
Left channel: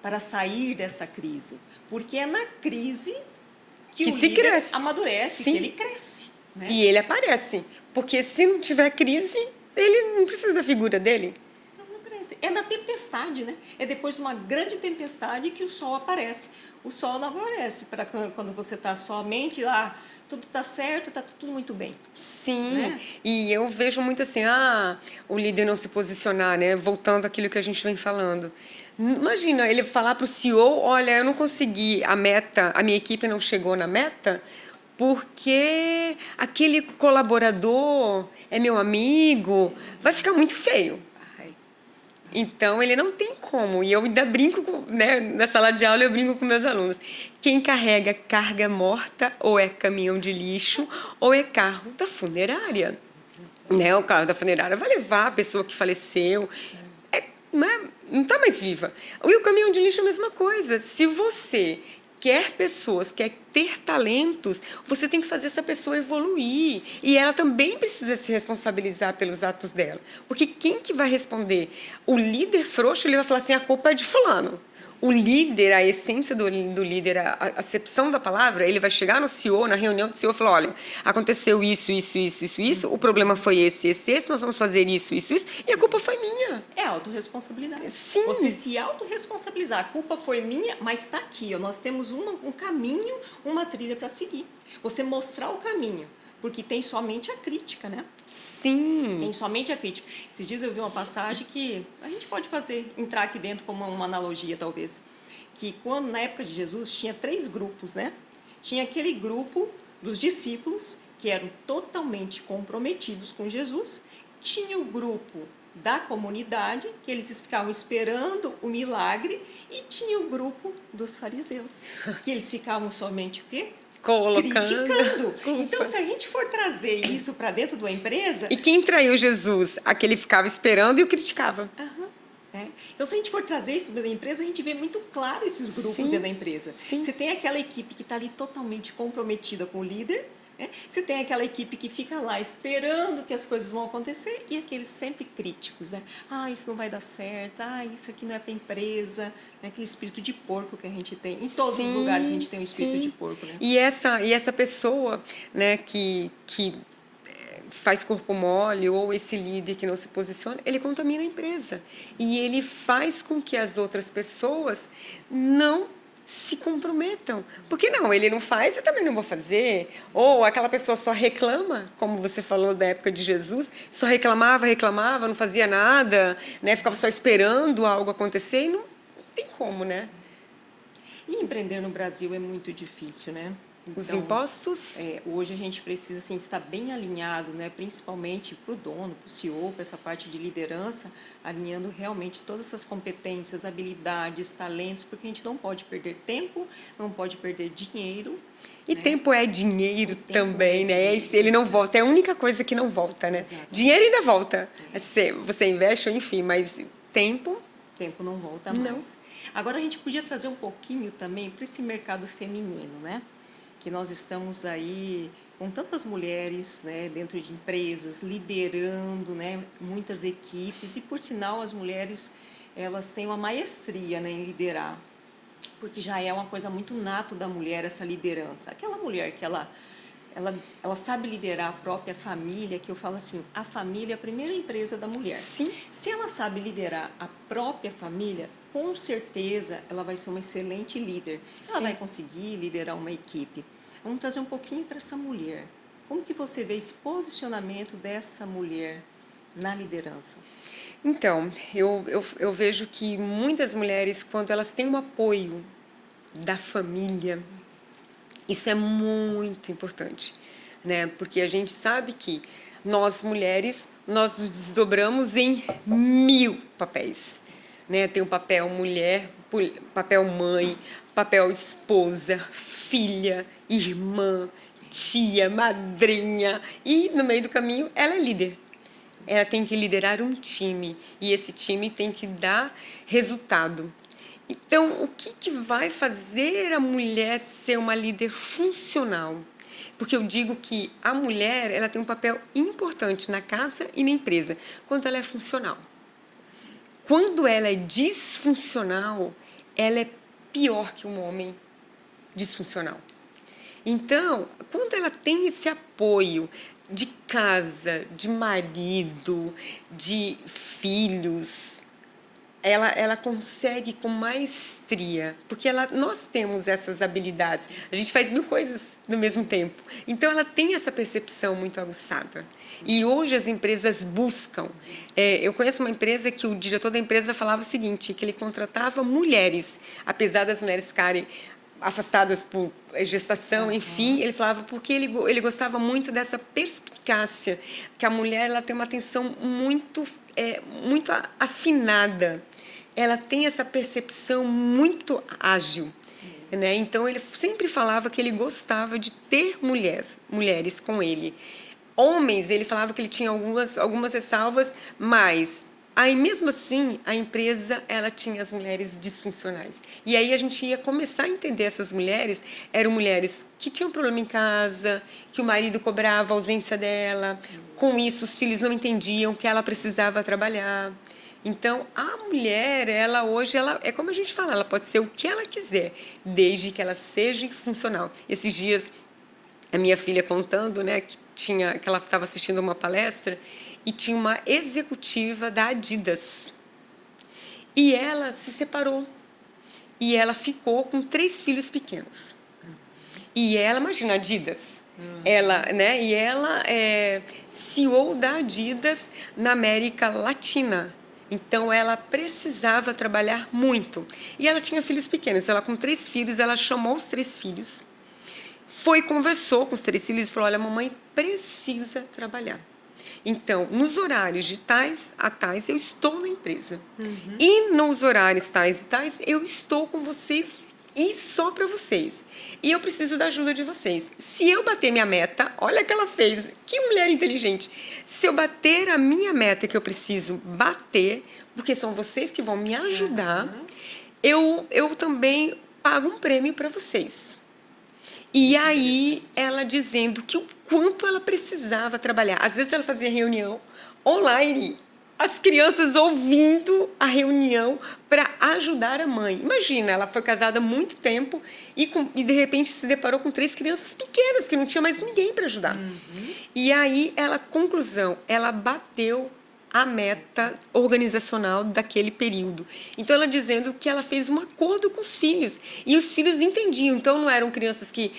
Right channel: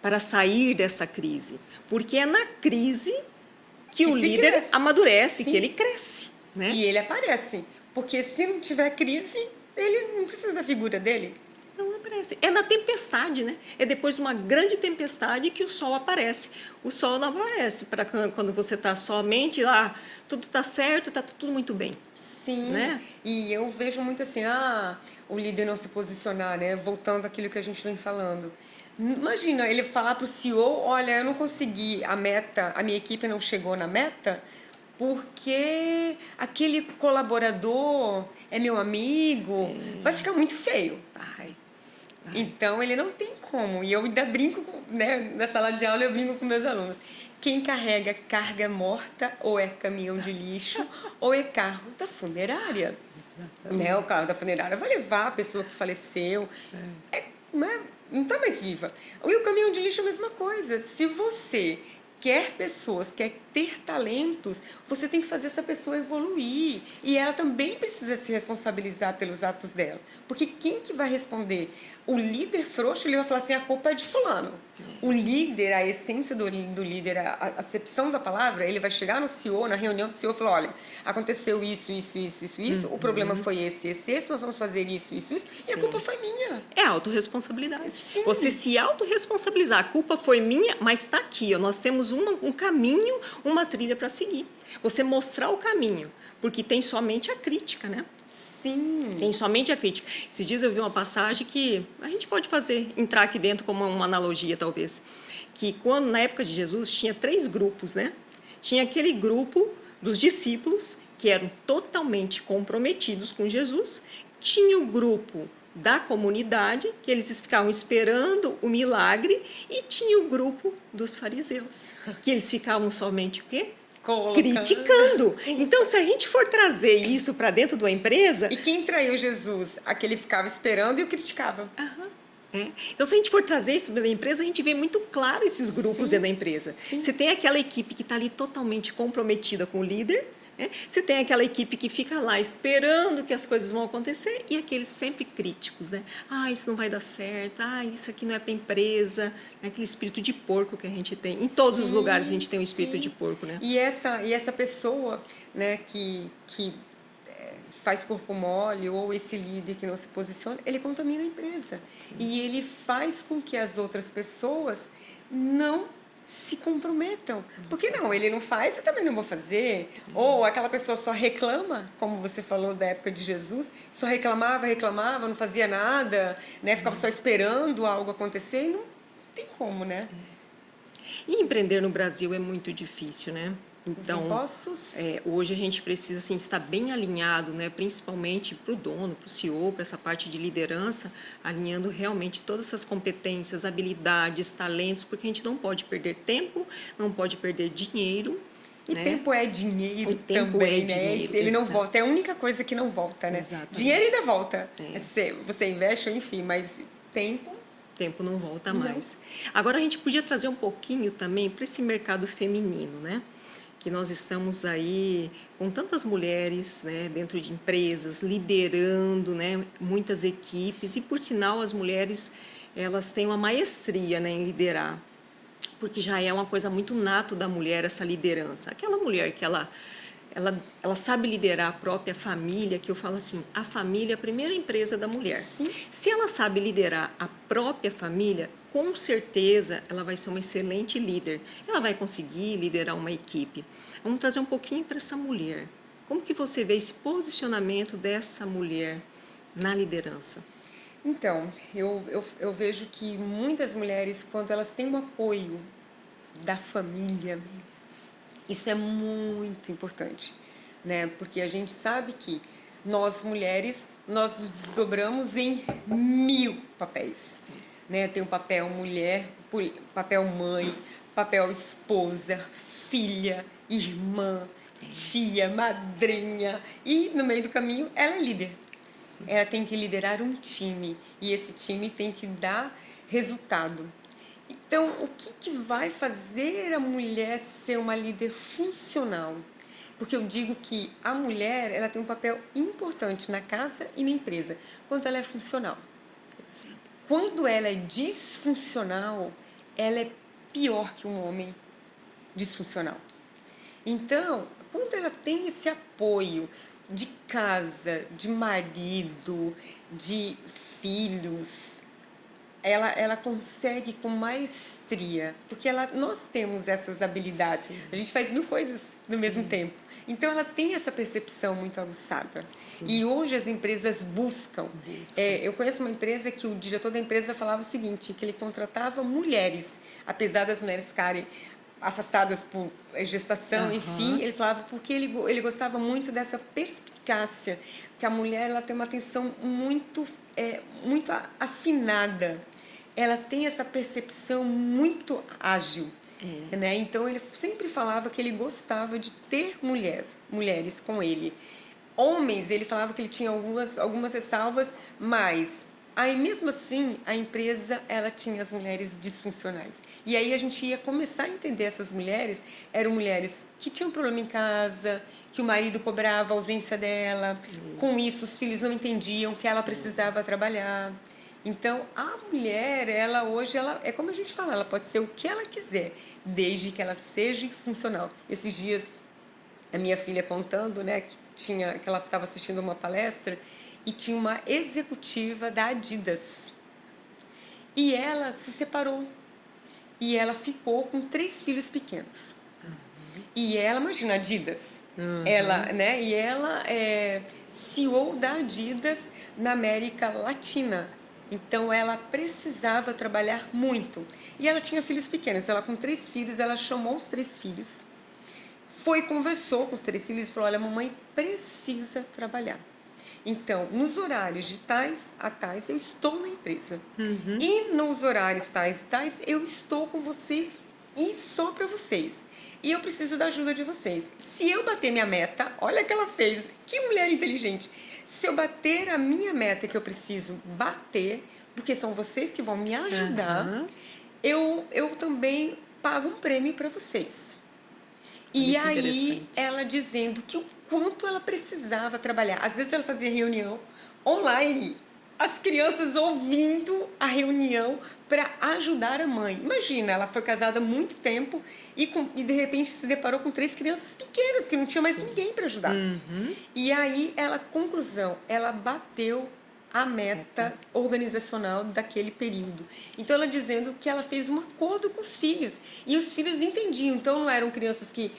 para sair dessa crise? Porque é na crise que o líder cresce. Amadurece, que ele cresce. Né? E ele aparece. Porque se não tiver crise, ele não precisa da figura dele. Não aparece. É na tempestade, né? É depois de uma grande tempestade que o sol aparece. O sol não aparece para quando você está somente lá... Tudo está certo, está tudo muito bem. Sim, né? E eu vejo muito assim, o líder não se posicionar, né? Voltando àquilo que a gente vem falando. Imagina ele falar para o CEO, olha, eu não consegui a meta, a minha equipe não chegou na meta, porque aquele colaborador é meu amigo, vai ficar muito feio. Então, ele não tem como. E eu ainda brinco, né? Na sala de aula, eu brinco com meus alunos. Quem carrega carga morta ou é caminhão de lixo ou é carro da funerária. Né? O carro da funerária vai levar a pessoa que faleceu. Não está mais viva. E o caminhão de lixo é a mesma coisa. Se você quer pessoas, quer ter talentos, você tem que fazer essa pessoa evoluir. E ela também precisa se responsabilizar pelos atos dela. Porque quem que vai responder? O líder frouxo, ele vai falar assim, a culpa é de fulano. O líder, a essência do líder, a acepção da palavra, ele vai chegar no CEO, na reunião do CEO e falar, olha, aconteceu isso, o problema foi esse, nós vamos fazer isso, e a culpa foi minha. É autorresponsabilidade. Sim. Você se autorresponsabilizar. A culpa foi minha, mas está aqui. Ó, nós temos um caminho, uma trilha para seguir. Você mostrar o caminho. Porque tem somente a crítica, né? Sim. Tem somente a crítica. Esses dias eu vi uma passagem que a gente pode entrar aqui dentro como uma analogia, talvez. Que quando, na época de Jesus, tinha 3 grupos, né? Tinha aquele grupo dos discípulos, que eram totalmente comprometidos com Jesus. Tinha o grupo da comunidade, que eles ficavam esperando o milagre. E tinha o grupo dos fariseus, que eles ficavam somente o quê? Criticando. Então, se a gente for trazer isso para dentro de uma empresa... E quem traiu Jesus? Aquele ficava esperando e o criticava. Então, se a gente for trazer isso dentro da empresa, a gente vê muito claro esses grupos dentro da empresa. Sim. Você tem aquela equipe que está ali totalmente comprometida com o líder, né? Você tem aquela equipe que fica lá esperando que as coisas vão acontecer e aqueles sempre críticos, né? Ah, isso não vai dar certo, isso aqui não é para empresa, né? Aquele espírito de porco que a gente tem. Em todos os lugares a gente tem um espírito de porco, né? E essa pessoa, né, que faz corpo mole, ou esse líder que não se posiciona, ele contamina a empresa. E ele faz com que as outras pessoas não se comprometam. Porque não, ele não faz, eu também não vou fazer. Ou aquela pessoa só reclama, como você falou da época de Jesus, só reclamava, não fazia nada, né? Ficava só esperando algo acontecer e não tem como, né? E empreender no Brasil é muito difícil, né? Então, os impostos? Hoje a gente precisa assim, estar bem alinhado, né? Principalmente para o dono, para o CEO, para essa parte de liderança, alinhando realmente todas essas competências, habilidades, talentos, porque a gente não pode perder tempo, não pode perder dinheiro. E né? tempo é dinheiro tempo também, é né? dinheiro, Ele não exato. volta, é a única coisa que não volta, né? Exatamente. Dinheiro ainda volta. Você investe, enfim, mas tempo... Tempo não volta mais. Agora, a gente podia trazer um pouquinho também para esse mercado feminino, né? Que nós estamos aí com tantas mulheres, né, dentro de empresas, liderando, né, muitas equipes. E, por sinal, as mulheres elas têm uma maestria, né, em liderar. Porque já é uma coisa muito nato da mulher, essa liderança. Aquela mulher que ela sabe liderar a própria família, que eu falo assim, a família é a primeira empresa da mulher. Sim. Se ela sabe liderar a própria família, com certeza ela vai ser uma excelente líder. Ela vai conseguir liderar uma equipe. Vamos trazer um pouquinho para essa mulher. Como que você vê esse posicionamento dessa mulher na liderança? Então, eu vejo que muitas mulheres, quando elas têm um apoio da família, isso é muito importante, né? Porque a gente sabe que nós, mulheres, nós nos desdobramos em 1000 papéis, né? Tem o papel mulher, papel mãe, papel esposa, filha, irmã, tia, madrinha, e no meio do caminho ela é líder. Ela tem que liderar um time e esse time tem que dar resultado. Então, o que vai fazer a mulher ser uma líder funcional? Porque eu digo que a mulher ela tem um papel importante na casa e na empresa, quando ela é funcional. Quando ela é disfuncional, ela é pior que um homem disfuncional. Então, quando ela tem esse apoio de casa, de marido, de filhos, ela consegue com maestria, porque nós temos essas habilidades. Sim. A gente faz 1000 coisas no mesmo tempo. Então, ela tem essa percepção muito aguçada. Sim. E hoje as empresas buscam. Eu conheço uma empresa que o diretor da empresa falava o seguinte, que ele contratava mulheres, apesar das mulheres ficarem afastadas por gestação, enfim, ele falava porque ele gostava muito dessa perspicácia, que a mulher ela tem uma atenção muito afinada, ela tem essa percepção muito ágil, né? Então ele sempre falava que ele gostava de ter mulheres com ele. Homens, ele falava que ele tinha algumas ressalvas, mas Aí, mesmo assim, a empresa, ela tinha as mulheres disfuncionais. E aí a gente ia começar a entender essas mulheres, eram mulheres que tinham problema em casa, que o marido cobrava a ausência dela, com isso os filhos não entendiam que ela precisava trabalhar. Então, a mulher, ela hoje, ela é como a gente fala, ela pode ser o que ela quiser, desde que ela seja funcional. Esses dias, a minha filha contando, né, que ela estava assistindo uma palestra e tinha uma executiva da Adidas. E ela se separou. E ela ficou com 3 filhos pequenos. E ela, imagina, Adidas. Ela, né, e ela é CEO da Adidas na América Latina. Então, ela precisava trabalhar muito. E ela tinha filhos pequenos. Ela, com 3 filhos, ela chamou os 3 filhos, foi, conversou com os 3 filhos e falou, olha, a mamãe precisa trabalhar. Então, nos horários de tais a tais, eu estou na empresa. E nos horários tais e tais, eu estou com vocês e só para vocês. E eu preciso da ajuda de vocês. Se eu bater minha meta, olha o que ela fez. Que mulher inteligente. Se eu bater a minha meta que eu preciso bater, porque são vocês que vão me ajudar, eu também pago um prêmio para vocês. E muito aí, ela dizendo que o quanto ela precisava trabalhar. Às vezes, ela fazia reunião online, as crianças ouvindo a reunião para ajudar a mãe. Imagina, ela foi casada há muito tempo e de repente, se deparou com 3 crianças pequenas, que não tinha mais ninguém para ajudar. E aí, conclusão, ela bateu a meta organizacional daquele período. Então, ela dizendo que ela fez um acordo com os filhos. E os filhos entendiam. Então, não eram crianças que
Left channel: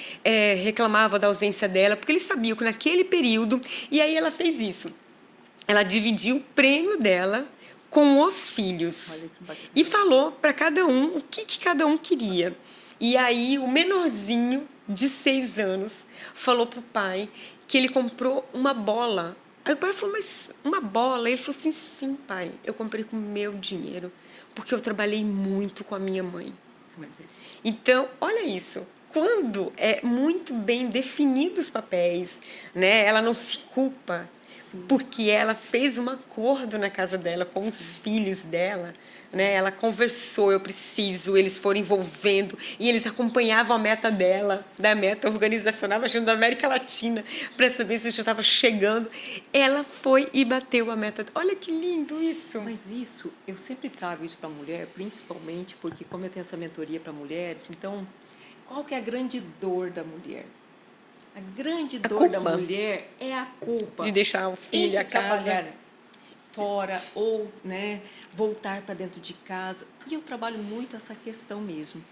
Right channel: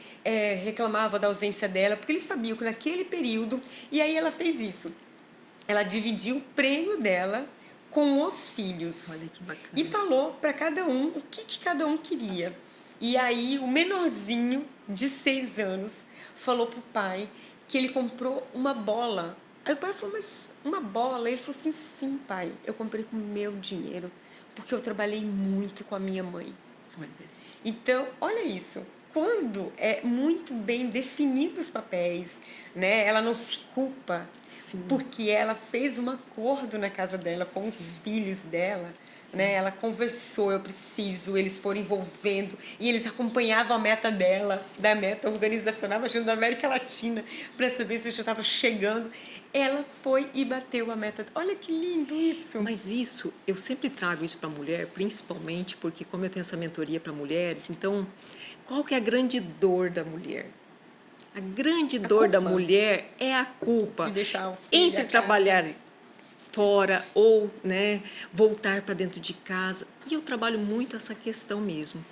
reclamavam da ausência dela, porque eles sabiam que naquele período... E aí, ela fez isso. Ela dividiu o prêmio dela com os filhos. Olha que bacana. E falou para cada um o que cada um queria. E aí, o menorzinho, de 6 anos, falou para o pai que ele comprou uma bola. Aí o pai falou, mas uma bola? Ele falou assim, sim, pai, eu comprei com o meu dinheiro, porque eu trabalhei muito com a minha mãe. Então, olha isso. Quando é muito bem definido os papéis, né? Ela não se culpa, porque ela fez um acordo na casa dela com os filhos dela. Né? Ela conversou, eu preciso, eles foram envolvendo e eles acompanhavam a meta dela, da meta organizacional, imagina, da América Latina, para saber se já estava chegando. Ela foi e bateu a meta. Olha que lindo isso! Mas isso, eu sempre trago isso para a mulher, principalmente porque como eu tenho essa mentoria para mulheres, então, qual que é a grande dor da mulher? A grande dor da mulher é a culpa de deixar o filho entre trabalhar fora ou, né, voltar para dentro de casa. E eu trabalho muito essa questão mesmo,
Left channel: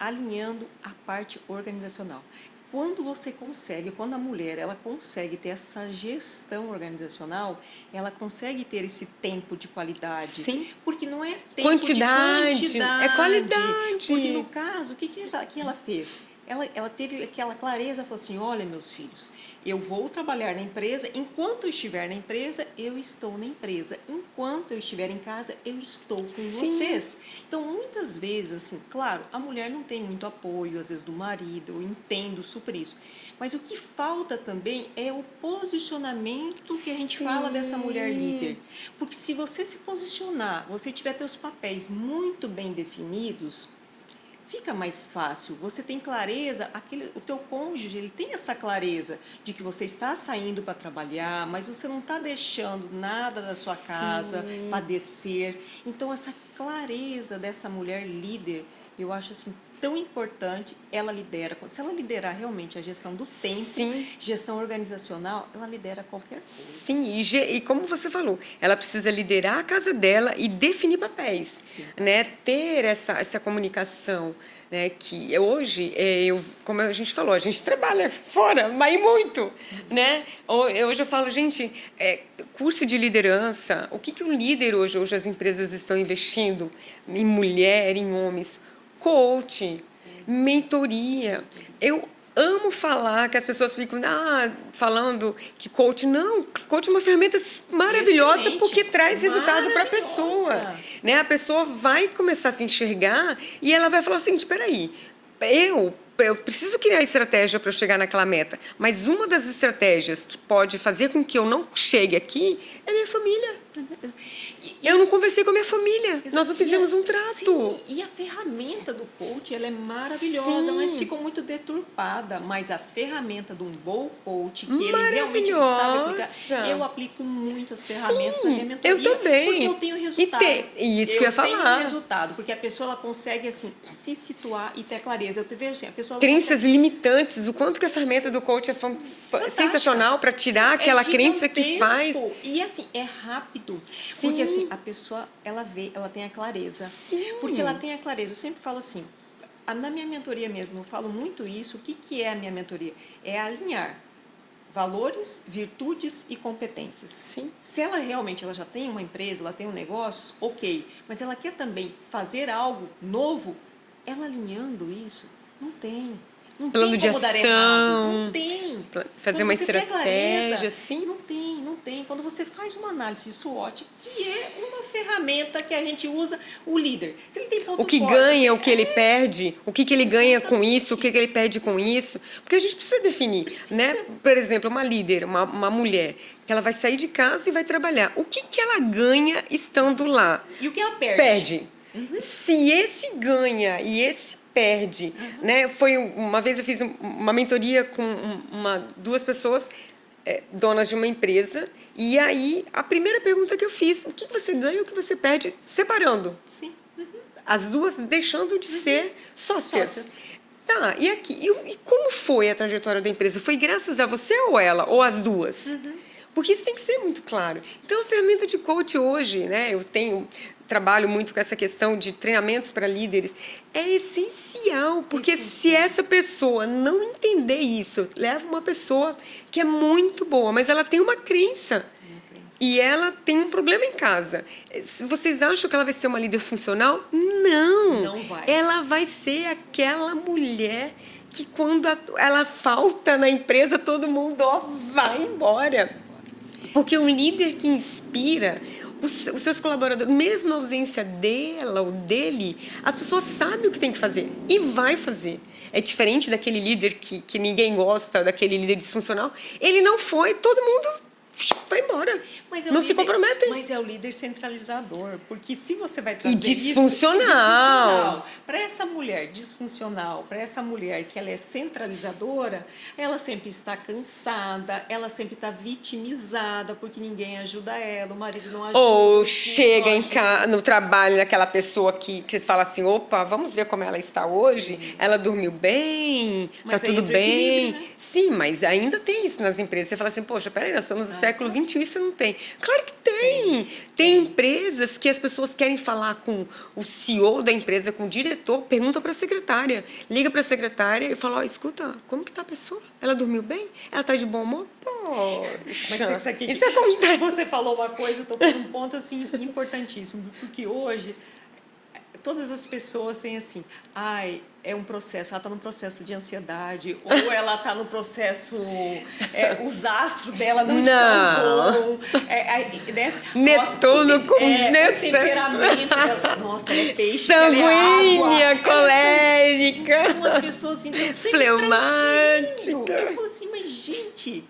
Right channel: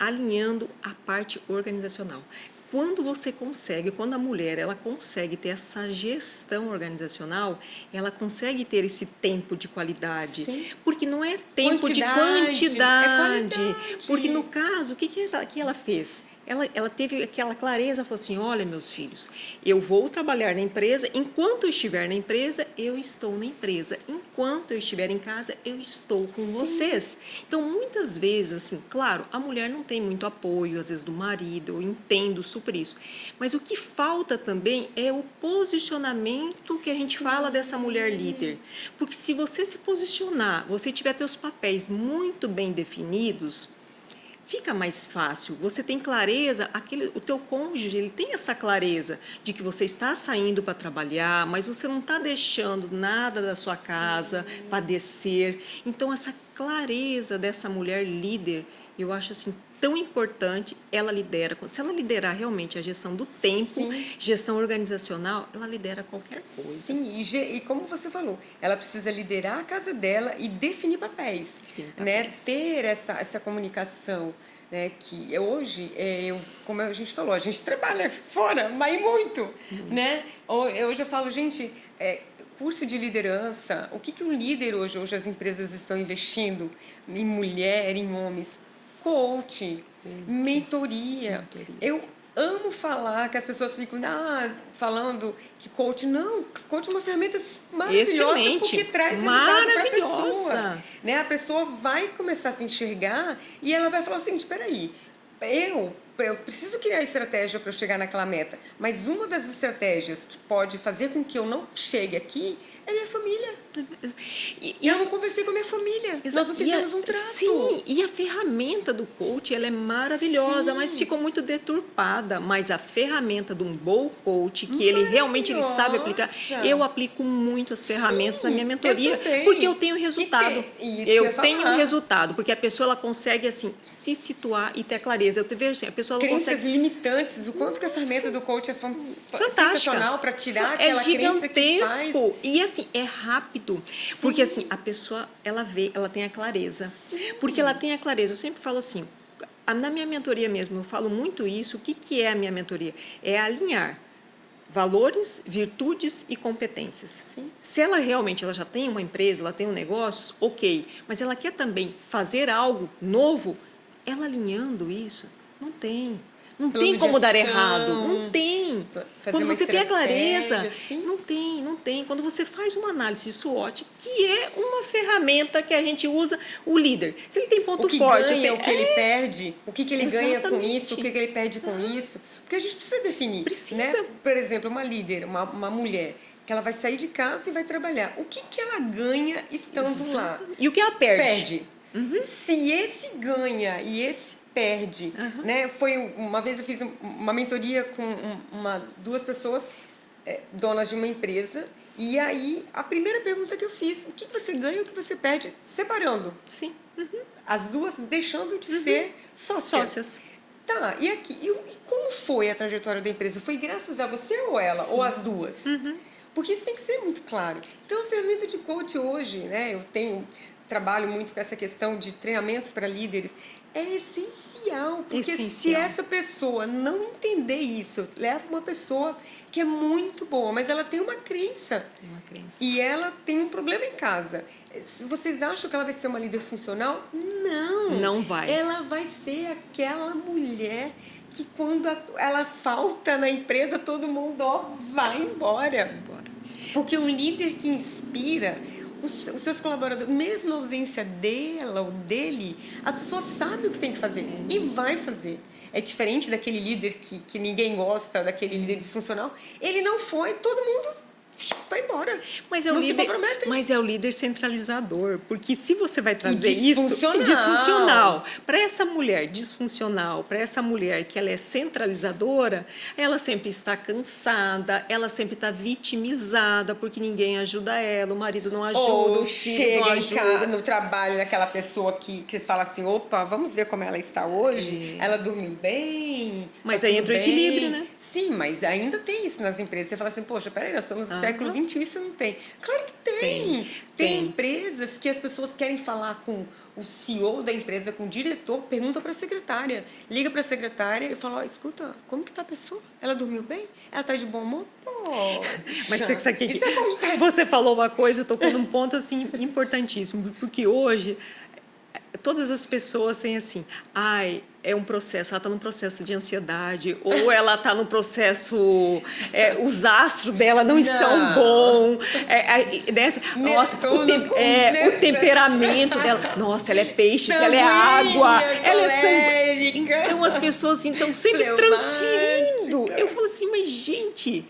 alinhando a parte organizacional. Quando você consegue, quando a mulher ela consegue ter essa gestão organizacional, ela consegue ter esse tempo de qualidade. Sim. Porque não é tempo de quantidade. É qualidade. Porque no caso, o que ela fez? Ela teve aquela clareza, falou assim, olha, meus filhos, eu vou trabalhar na empresa, enquanto eu estiver na empresa, eu estou na empresa. Enquanto eu estiver em casa, eu estou com vocês. Então, muitas vezes, assim, claro, a mulher não tem muito apoio, às vezes, do marido, eu entendo super isso. Mas o que falta também é o posicionamento que a gente fala dessa mulher líder. Porque se você se posicionar, você tiver seus papéis muito bem definidos, fica mais fácil, você tem clareza, o teu cônjuge ele tem essa clareza de que você está saindo para trabalhar, mas você não está deixando nada da sua casa padecer. Então, essa clareza dessa mulher líder, eu acho assim tão importante, ela lidera. Se ela liderar realmente a gestão do tempo, gestão organizacional, ela lidera qualquer coisa. Sim, e como você falou, ela precisa liderar a casa dela e definir papéis, né? Ter essa comunicação, né? Que hoje, como a gente falou, a gente trabalha fora, mas muito, né? Hoje eu falo, gente, curso de liderança, o que um líder hoje as empresas estão investindo em mulher, em homens? Coach, mentoria. Eu amo falar que as pessoas ficam falando que coach... Não, coach é uma ferramenta maravilhosa. Excelente. Porque traz resultado para a pessoa. Né? A pessoa vai começar a se enxergar e ela vai falar assim, espera aí, eu preciso criar estratégia para eu chegar naquela meta, mas uma das estratégias que pode fazer com que eu não chegue aqui é minha família. Eu não conversei com a minha família. Nós não fizemos um trato. Sim, e a ferramenta do coach, ela é maravilhosa, Sim. mas ficou muito deturpada. Mas a ferramenta de um bom coach, que ele realmente ele sabe aplicar, Maravilhosa. eu aplico muito as ferramentas Sim, na minha mentoria, eu também. porque eu tenho resultado. E isso que eu ia tenho falar. resultado, porque a pessoa ela consegue assim se situar e ter clareza. Eu te vejo assim, a pessoa ela Crenças consegue... limitantes, o quanto que a ferramenta do coach é sensacional para tirar aquela crença que faz. gigantesco. E assim, é rápido. Porque assim, a pessoa, ela tem a clareza. Sim. Porque ela tem a clareza. Eu sempre falo assim, na minha mentoria mesmo, eu falo muito isso. O que é a minha mentoria? É alinhar valores, virtudes e competências. Sim. Se ela realmente ela já tem uma empresa, ela tem um negócio, ok. Mas ela quer também fazer algo novo, ela alinhando isso, não tem. Não Plano tem de como dar ação, errado. Não tem. fazer Quando uma você tem a clareza, estratégia, sim. não tem, não tem. Quando você faz uma análise de SWOT, que é uma ferramenta que a gente usa, o líder. Se ele tem ponto O que forte... ganha, o que ele perde, o que ele ganha com Exatamente. isso, o que ele perde com isso. Porque a gente precisa definir, Precisa. né? Por exemplo, uma líder, uma mulher, que ela vai sair de casa e vai trabalhar. O que ela ganha estando lá? E o que ela perde? Perde. Se esse ganha e esse perde, né? Foi uma vez eu fiz uma mentoria com duas pessoas donas de uma empresa e aí a primeira pergunta que eu fiz, o que você ganha e o que você perde, separando Sim. as duas, deixando de ser sócias. Tá, e aqui, e como foi a trajetória da empresa? Foi graças a você ou ela, ou as duas? Porque isso tem que ser muito claro. Então, a ferramenta de coach hoje, né, trabalho muito com essa questão de treinamentos para líderes, é essencial, porque se Essencial. essa pessoa não entender isso, leva uma pessoa que é muito boa, mas ela tem uma crença. E ela tem um problema em casa. Vocês acham que ela vai ser uma líder funcional? Não. Não vai. Ela vai ser aquela mulher que quando ela falta na empresa, todo mundo vai embora. Porque o líder que inspira os seus colaboradores, mesmo na ausência dela ou dele, as pessoas sabem o que tem que fazer e vai fazer. É diferente daquele líder que ninguém gosta, daquele líder disfuncional. Ele não foi, todo mundo vai embora. Mas não se comprometem. Mas é o líder centralizador, porque se você vai trazer disfuncional. isso disfuncional para essa mulher disfuncional, para essa mulher que ela é centralizadora, ela sempre está cansada, ela sempre está vitimizada porque ninguém ajuda ela, o marido não ajuda, ou os filhos chega não em casa, ajudam. no trabalho naquela pessoa que você fala assim, opa, vamos ver como ela está hoje, ela dormiu bem, Mas tá aí tudo entra o bem. equilíbrio, né? Sim, mas ainda tem isso nas empresas. Você fala assim, poxa, peraí, nós estamos no século XXI, isso não tem. Claro que tem. Tem empresas que as pessoas querem falar com o CEO da empresa, com o diretor, pergunta para a secretária, liga para a secretária e fala, escuta, como que tá a pessoa? Ela dormiu bem? Ela está de bom humor? Mas você, Isso acontece. você falou uma coisa, tocou num ponto assim importantíssimo, porque hoje todas as pessoas têm assim, é um processo, ela está num processo de ansiedade, ou ela está no processo, os astros dela não estão bons, Netuno com o temperamento dela, nossa, ela é peixe, ela é água, colérica. Então as pessoas estão sempre transferindo. Eu falo assim, mas gente,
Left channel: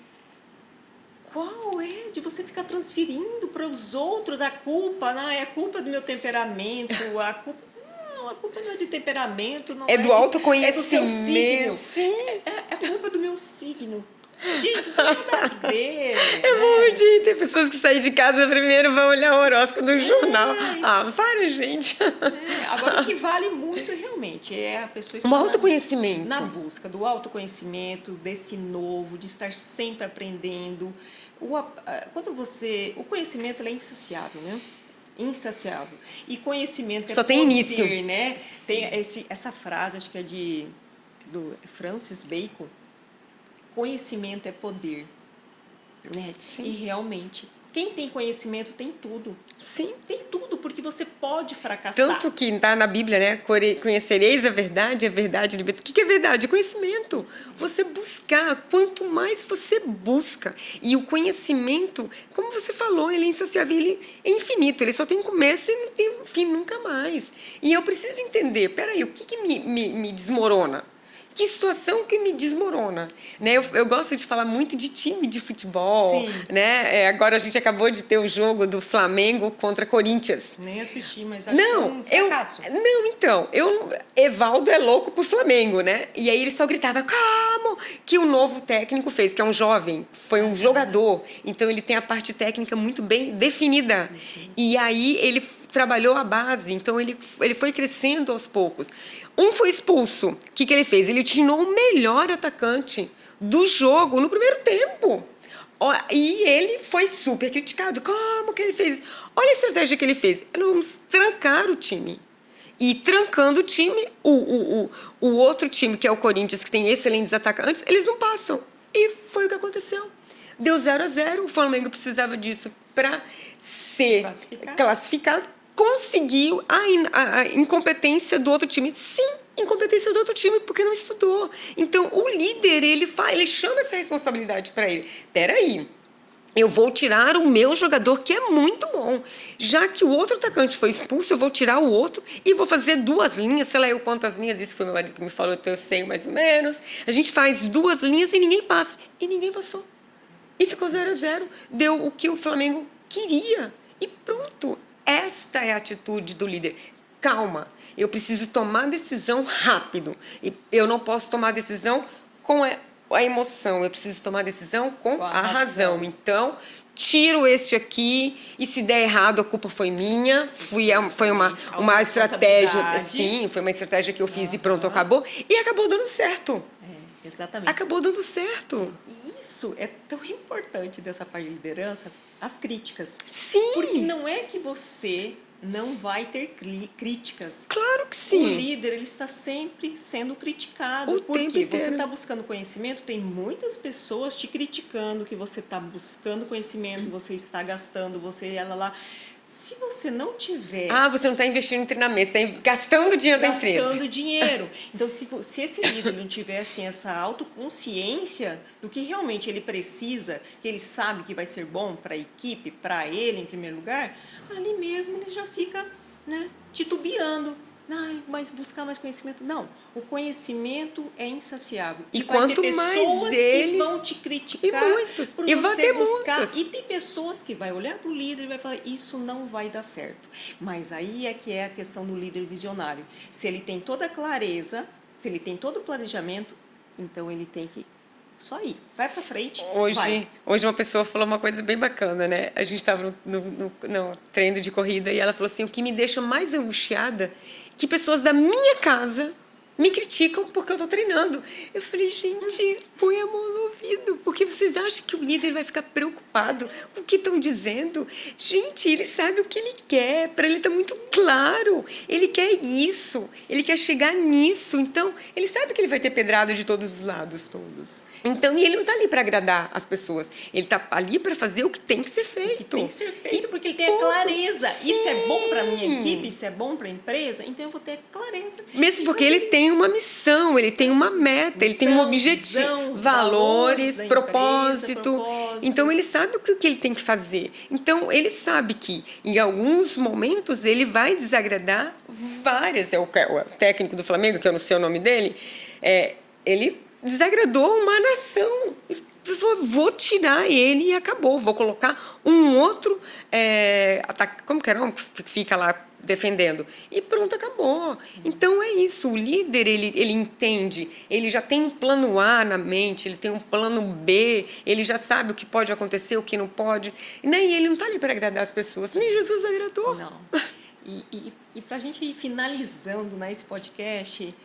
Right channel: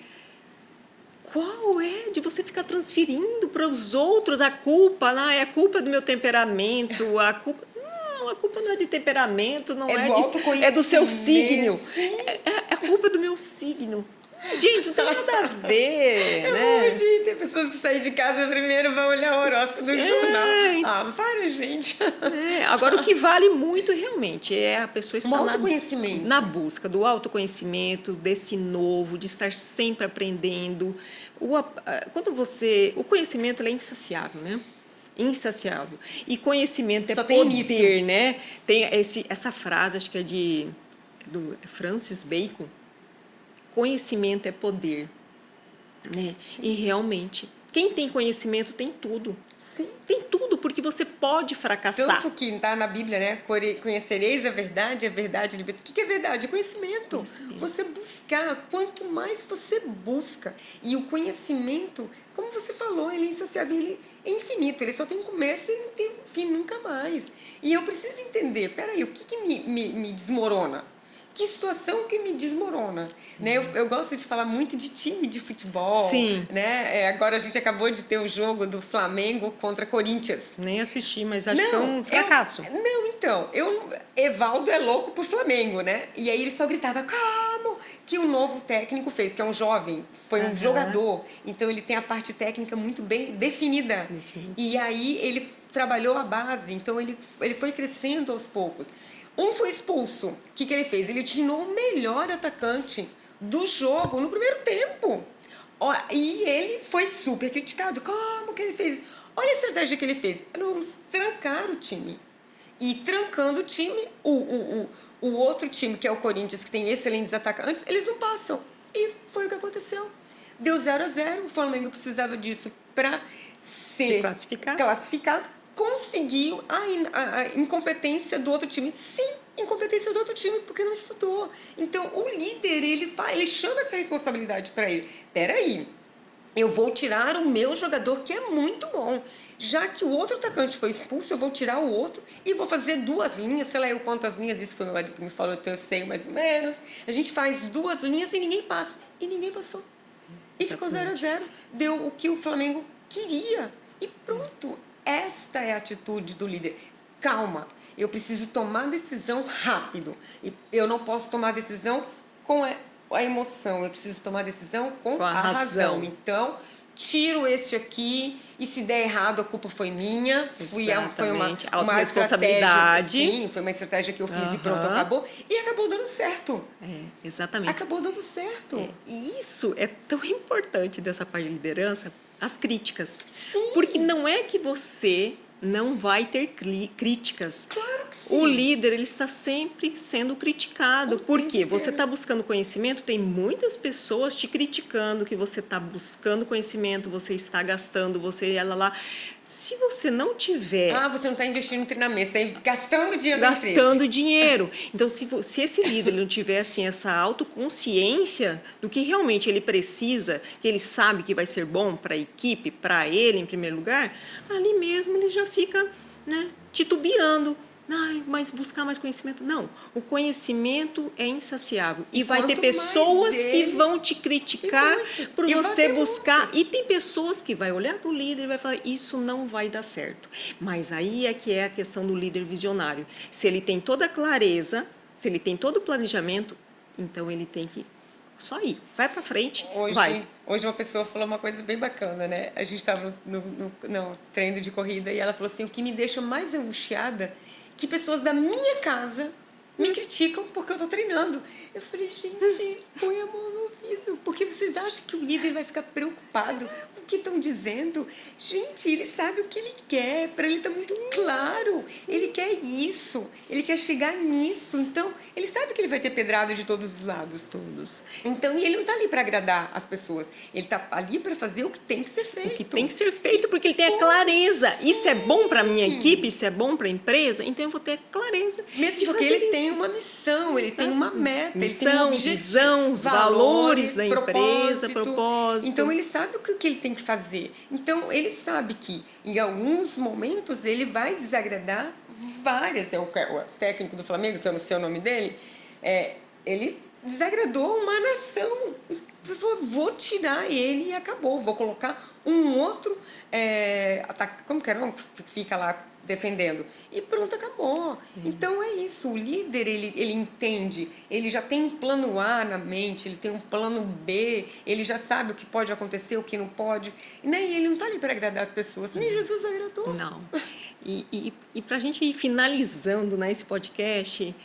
qual é de você ficar transferindo para os outros a culpa? É a culpa do meu temperamento, a culpa não é de temperamento, não é do autoconhecimento. É do seu signo. Sim. É a culpa do meu signo. Gente, não tem nada a ver. Eu morro de rir. Tem pessoas que saem de casa primeiro vão olhar o horóscopo do jornal. Para, gente. Agora, o que vale muito realmente é a pessoa estar autoconhecimento. Na busca do autoconhecimento, desse novo, de estar sempre aprendendo. O conhecimento ele é insaciável, né? Insaciável. E conhecimento é só poder, tem início, né? Tem essa frase, acho que é do Francis Bacon. Conhecimento é poder, né? E realmente, quem tem conhecimento tem tudo. Sim. Tem tudo, porque você pode fracassar. Tanto que está na Bíblia, né? Conhecereis a verdade liberta. O que é verdade? Conhecimento. Você buscar. Quanto mais você busca. E o conhecimento, como você falou, ele é insaciável, ele é infinito. Ele só tem começo e não tem fim nunca mais. E eu preciso entender, peraí, o que me desmorona? O que situação que me desmorona, né? Eu gosto de falar muito de time de futebol, Sim. né? Agora a gente acabou de ter o jogo do Flamengo contra Corinthians. Nem assisti, mas acho que foi um fracasso. Então, Evaldo é louco pro Flamengo, né? E aí ele só gritava, como que o novo técnico fez, que é um jovem, foi um jogador, então ele tem a parte técnica muito bem definida. E aí ele trabalhou a base, então ele foi crescendo aos poucos. Um foi expulso. O que ele fez? Ele tirou o melhor atacante do jogo no primeiro tempo. E ele foi super criticado. Como que ele fez? Olha a estratégia que ele fez. Vamos trancar o time. E trancando o time, o outro time, que é o Corinthians, que tem excelentes atacantes, eles não passam. E foi o que aconteceu. Deu 0-0, o Flamengo precisava disso para ser classificado. Conseguiu a incompetência do outro time. Sim, incompetência do outro time, porque não estudou. Então, o líder, ele chama essa responsabilidade para ele. Peraí, eu vou tirar o meu jogador, que é muito bom. Já que o outro atacante foi expulso, eu vou tirar o outro e vou fazer 2 linhas, sei lá eu quantas linhas, isso foi meu marido que me falou, então eu sei mais ou menos. A gente faz 2 linhas e ninguém passa. E ninguém passou. E ficou 0-0. Deu o que o Flamengo queria. E pronto. Esta é a atitude do líder. Calma, eu preciso tomar decisão rápido. Eu não posso tomar decisão com a emoção, eu preciso tomar decisão com a razão. Então, tiro este aqui e se der errado, a culpa foi minha. Foi uma estratégia. Sim, foi uma estratégia que eu fiz e pronto, acabou. E acabou dando certo. Exatamente. Acabou dando certo. E isso é tão importante dessa parte de liderança, as críticas. Sim. Porque não é que você não vai ter críticas. Claro que sim. O líder, ele está sempre sendo criticado. Porque você está buscando conhecimento, tem muitas pessoas te criticando que você está buscando conhecimento, você está gastando, ela lá. Se você não tiver... você não está investindo em treinamento, você está gastando dinheiro da empresa. Gastando dinheiro. Então, se esse líder não tiver assim, essa autoconsciência do que realmente ele precisa, que ele sabe que vai ser bom para a equipe, para ele em primeiro lugar, ali mesmo ele já fica, né, titubeando. Mas buscar mais conhecimento. Não, o conhecimento é insaciável. E vai ter pessoas que vão te criticar por você buscar. E tem pessoas que vai olhar para o líder e vai falar, isso não vai dar certo. Mas aí é que é a questão do líder visionário. Se ele tem toda a clareza, se ele tem todo o planejamento, então ele tem que só ir. Vai para frente, Hoje uma pessoa falou uma coisa bem bacana, né? A gente estava no treino de corrida e ela falou assim, o que me deixa mais angustiada que pessoas da minha casa me criticam porque eu estou treinando. Eu falei, gente, põe a mão no ouvido, porque vocês acham que o líder vai ficar preocupado com o que estão dizendo? Gente, ele sabe o que ele quer, para ele está muito claro. Ele quer isso, ele quer chegar nisso. Então, ele sabe que ele vai ter pedrada de todos os lados, todos. Então, e ele não está ali para agradar as pessoas. Ele está ali para fazer o que tem que ser feito. O que tem que ser feito, porque ele tem a clareza. Sim. Isso é bom para a minha equipe, isso é bom para a empresa, então eu vou ter clareza. Mesmo porque ele tem uma missão, ele tem uma meta, ele tem um objetivo, valores, propósito. Então, ele sabe o que ele tem que fazer. Então, ele sabe que, em alguns momentos, ele vai desagradar várias. O técnico do Flamengo, que eu não sei o nome dele, ele desagradou uma nação. Vou tirar ele e acabou. Vou colocar um outro... como que é o nome que fica lá defendendo? E pronto, acabou. Então, é isso. O líder, ele entende. Ele já tem um plano A na mente, ele tem um plano B, ele já sabe o que pode acontecer, o que não pode. E ele não está ali para agradar as pessoas. Nem Jesus agradou. Não. E para a gente ir finalizando, né, esse podcast,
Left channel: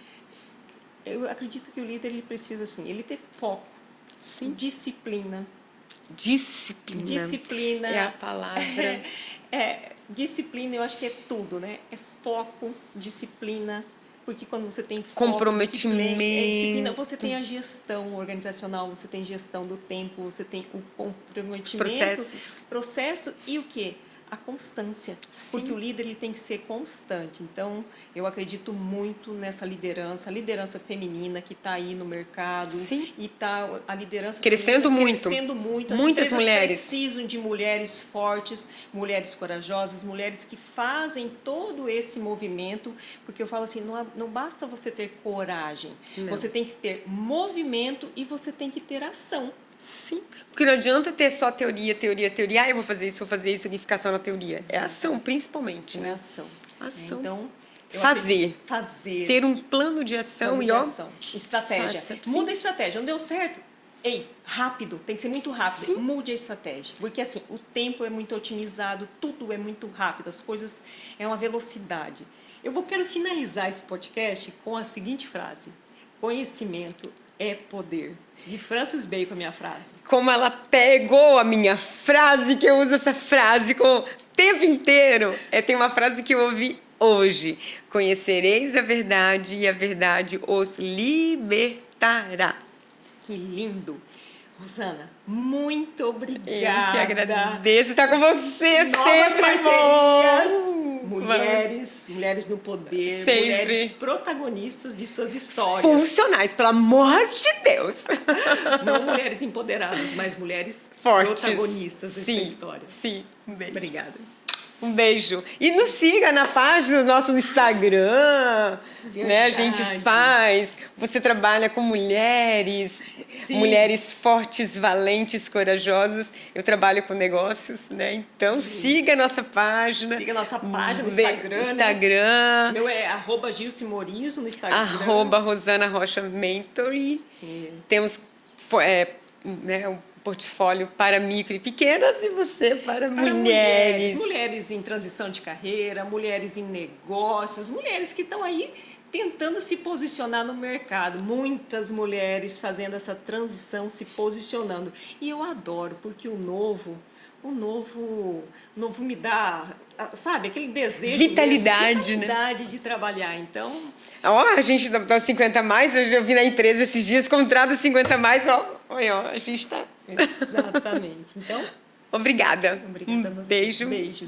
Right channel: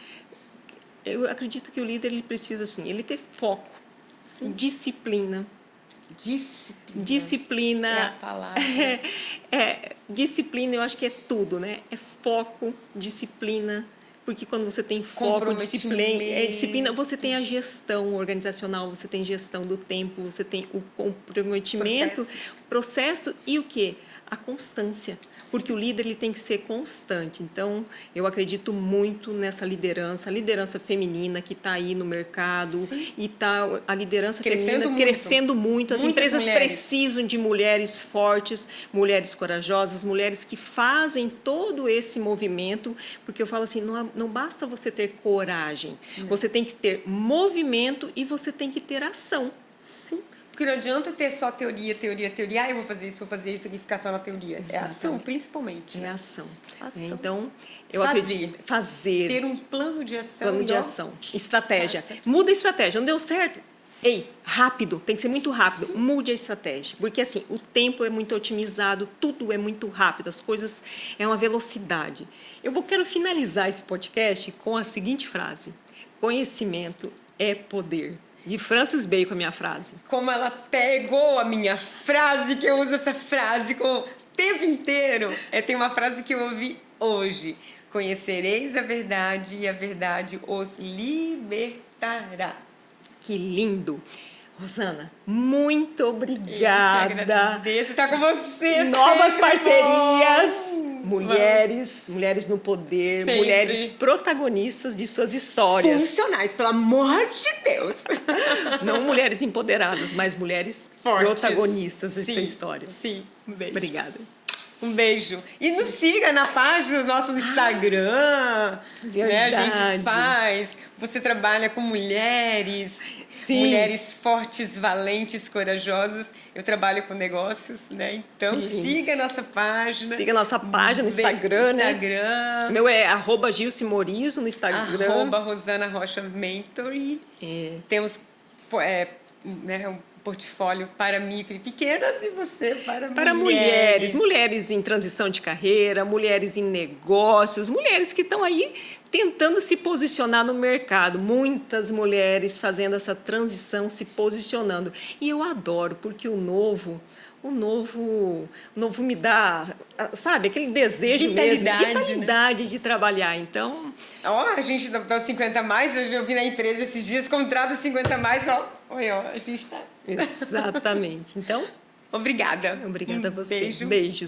eu acredito que o líder ele precisa assim, ele ter foco, sim, disciplina. Disciplina é a palavra. Disciplina, eu acho que é tudo, né? É foco, disciplina, porque quando você tem foco, disciplina, você tem a gestão organizacional, você tem gestão do tempo, você tem o comprometimento, processo e o quê? a constância, porque o líder ele tem que ser constante. Então, eu acredito muito nessa liderança, a liderança feminina que está aí no mercado. Sim. E tá a liderança Crescendo feminina muito. crescendo muito. As Muitas empresas mulheres. precisam de mulheres fortes, mulheres corajosas, mulheres que fazem todo esse movimento, porque eu falo assim, não basta você ter coragem, você tem que ter movimento e você tem que ter ação. Sim. Porque não adianta ter só teoria. Ah, eu vou fazer isso e ficar só na teoria. Exatamente. É ação, principalmente, É né? ação. Ação. Então, eu Fazer. acredito- fazer. Ter um plano de ação Plano e de ó, ação. Estratégia. faça. Muda a estratégia. Não deu certo? Ei, rápido. Tem que ser muito rápido. Sim. Mude a estratégia. Porque assim, o tempo é muito otimizado, tudo é muito rápido, as coisas é uma velocidade. Quero finalizar esse podcast com a seguinte frase: conhecimento é poder. De Francis Bacon, a minha frase. Como ela pegou a minha frase, que eu uso essa frase o tempo inteiro. Tem uma frase que eu ouvi hoje. Conhecereis a verdade e a verdade os libertará. Que lindo. Rosana, muito Eu que obrigada. agradeço estar com você. Novas sempre parcerias. bom. Mulheres no poder, Sempre. mulheres protagonistas de suas histórias. Funcionais, pelo amor de Deus. Não mulheres empoderadas, mas mulheres Fortes. protagonistas dessa Sim, história. Sim, um beijo. Obrigada. Um beijo. E nos siga na página do nosso Instagram. Né? A gente Verdade. faz. Você trabalha com mulheres. Sim. Mulheres fortes, valentes, corajosas. Eu trabalho com negócios, né? Então Sim. siga a nossa página. Siga a nossa página no Instagram, né? Instagram. O meu é @Gilce Morizo no Instagram. @Rosana Rocha Mentor. E temos né, um portfólio para micro e pequenas e você para mulheres. Mulheres em transição de carreira, mulheres em negócios, mulheres que estão aí tentando se posicionar no mercado. Muitas mulheres fazendo essa transição, se posicionando. E eu adoro, porque o novo me dá, sabe, aquele desejo vitalidade de trabalhar. Então, A gente dá 50 a mais, eu vi na empresa esses dias, contrato 50 a mais, olha, a gente está... exatamente. Então, Obrigada. obrigada a você. Beijo. Beijos.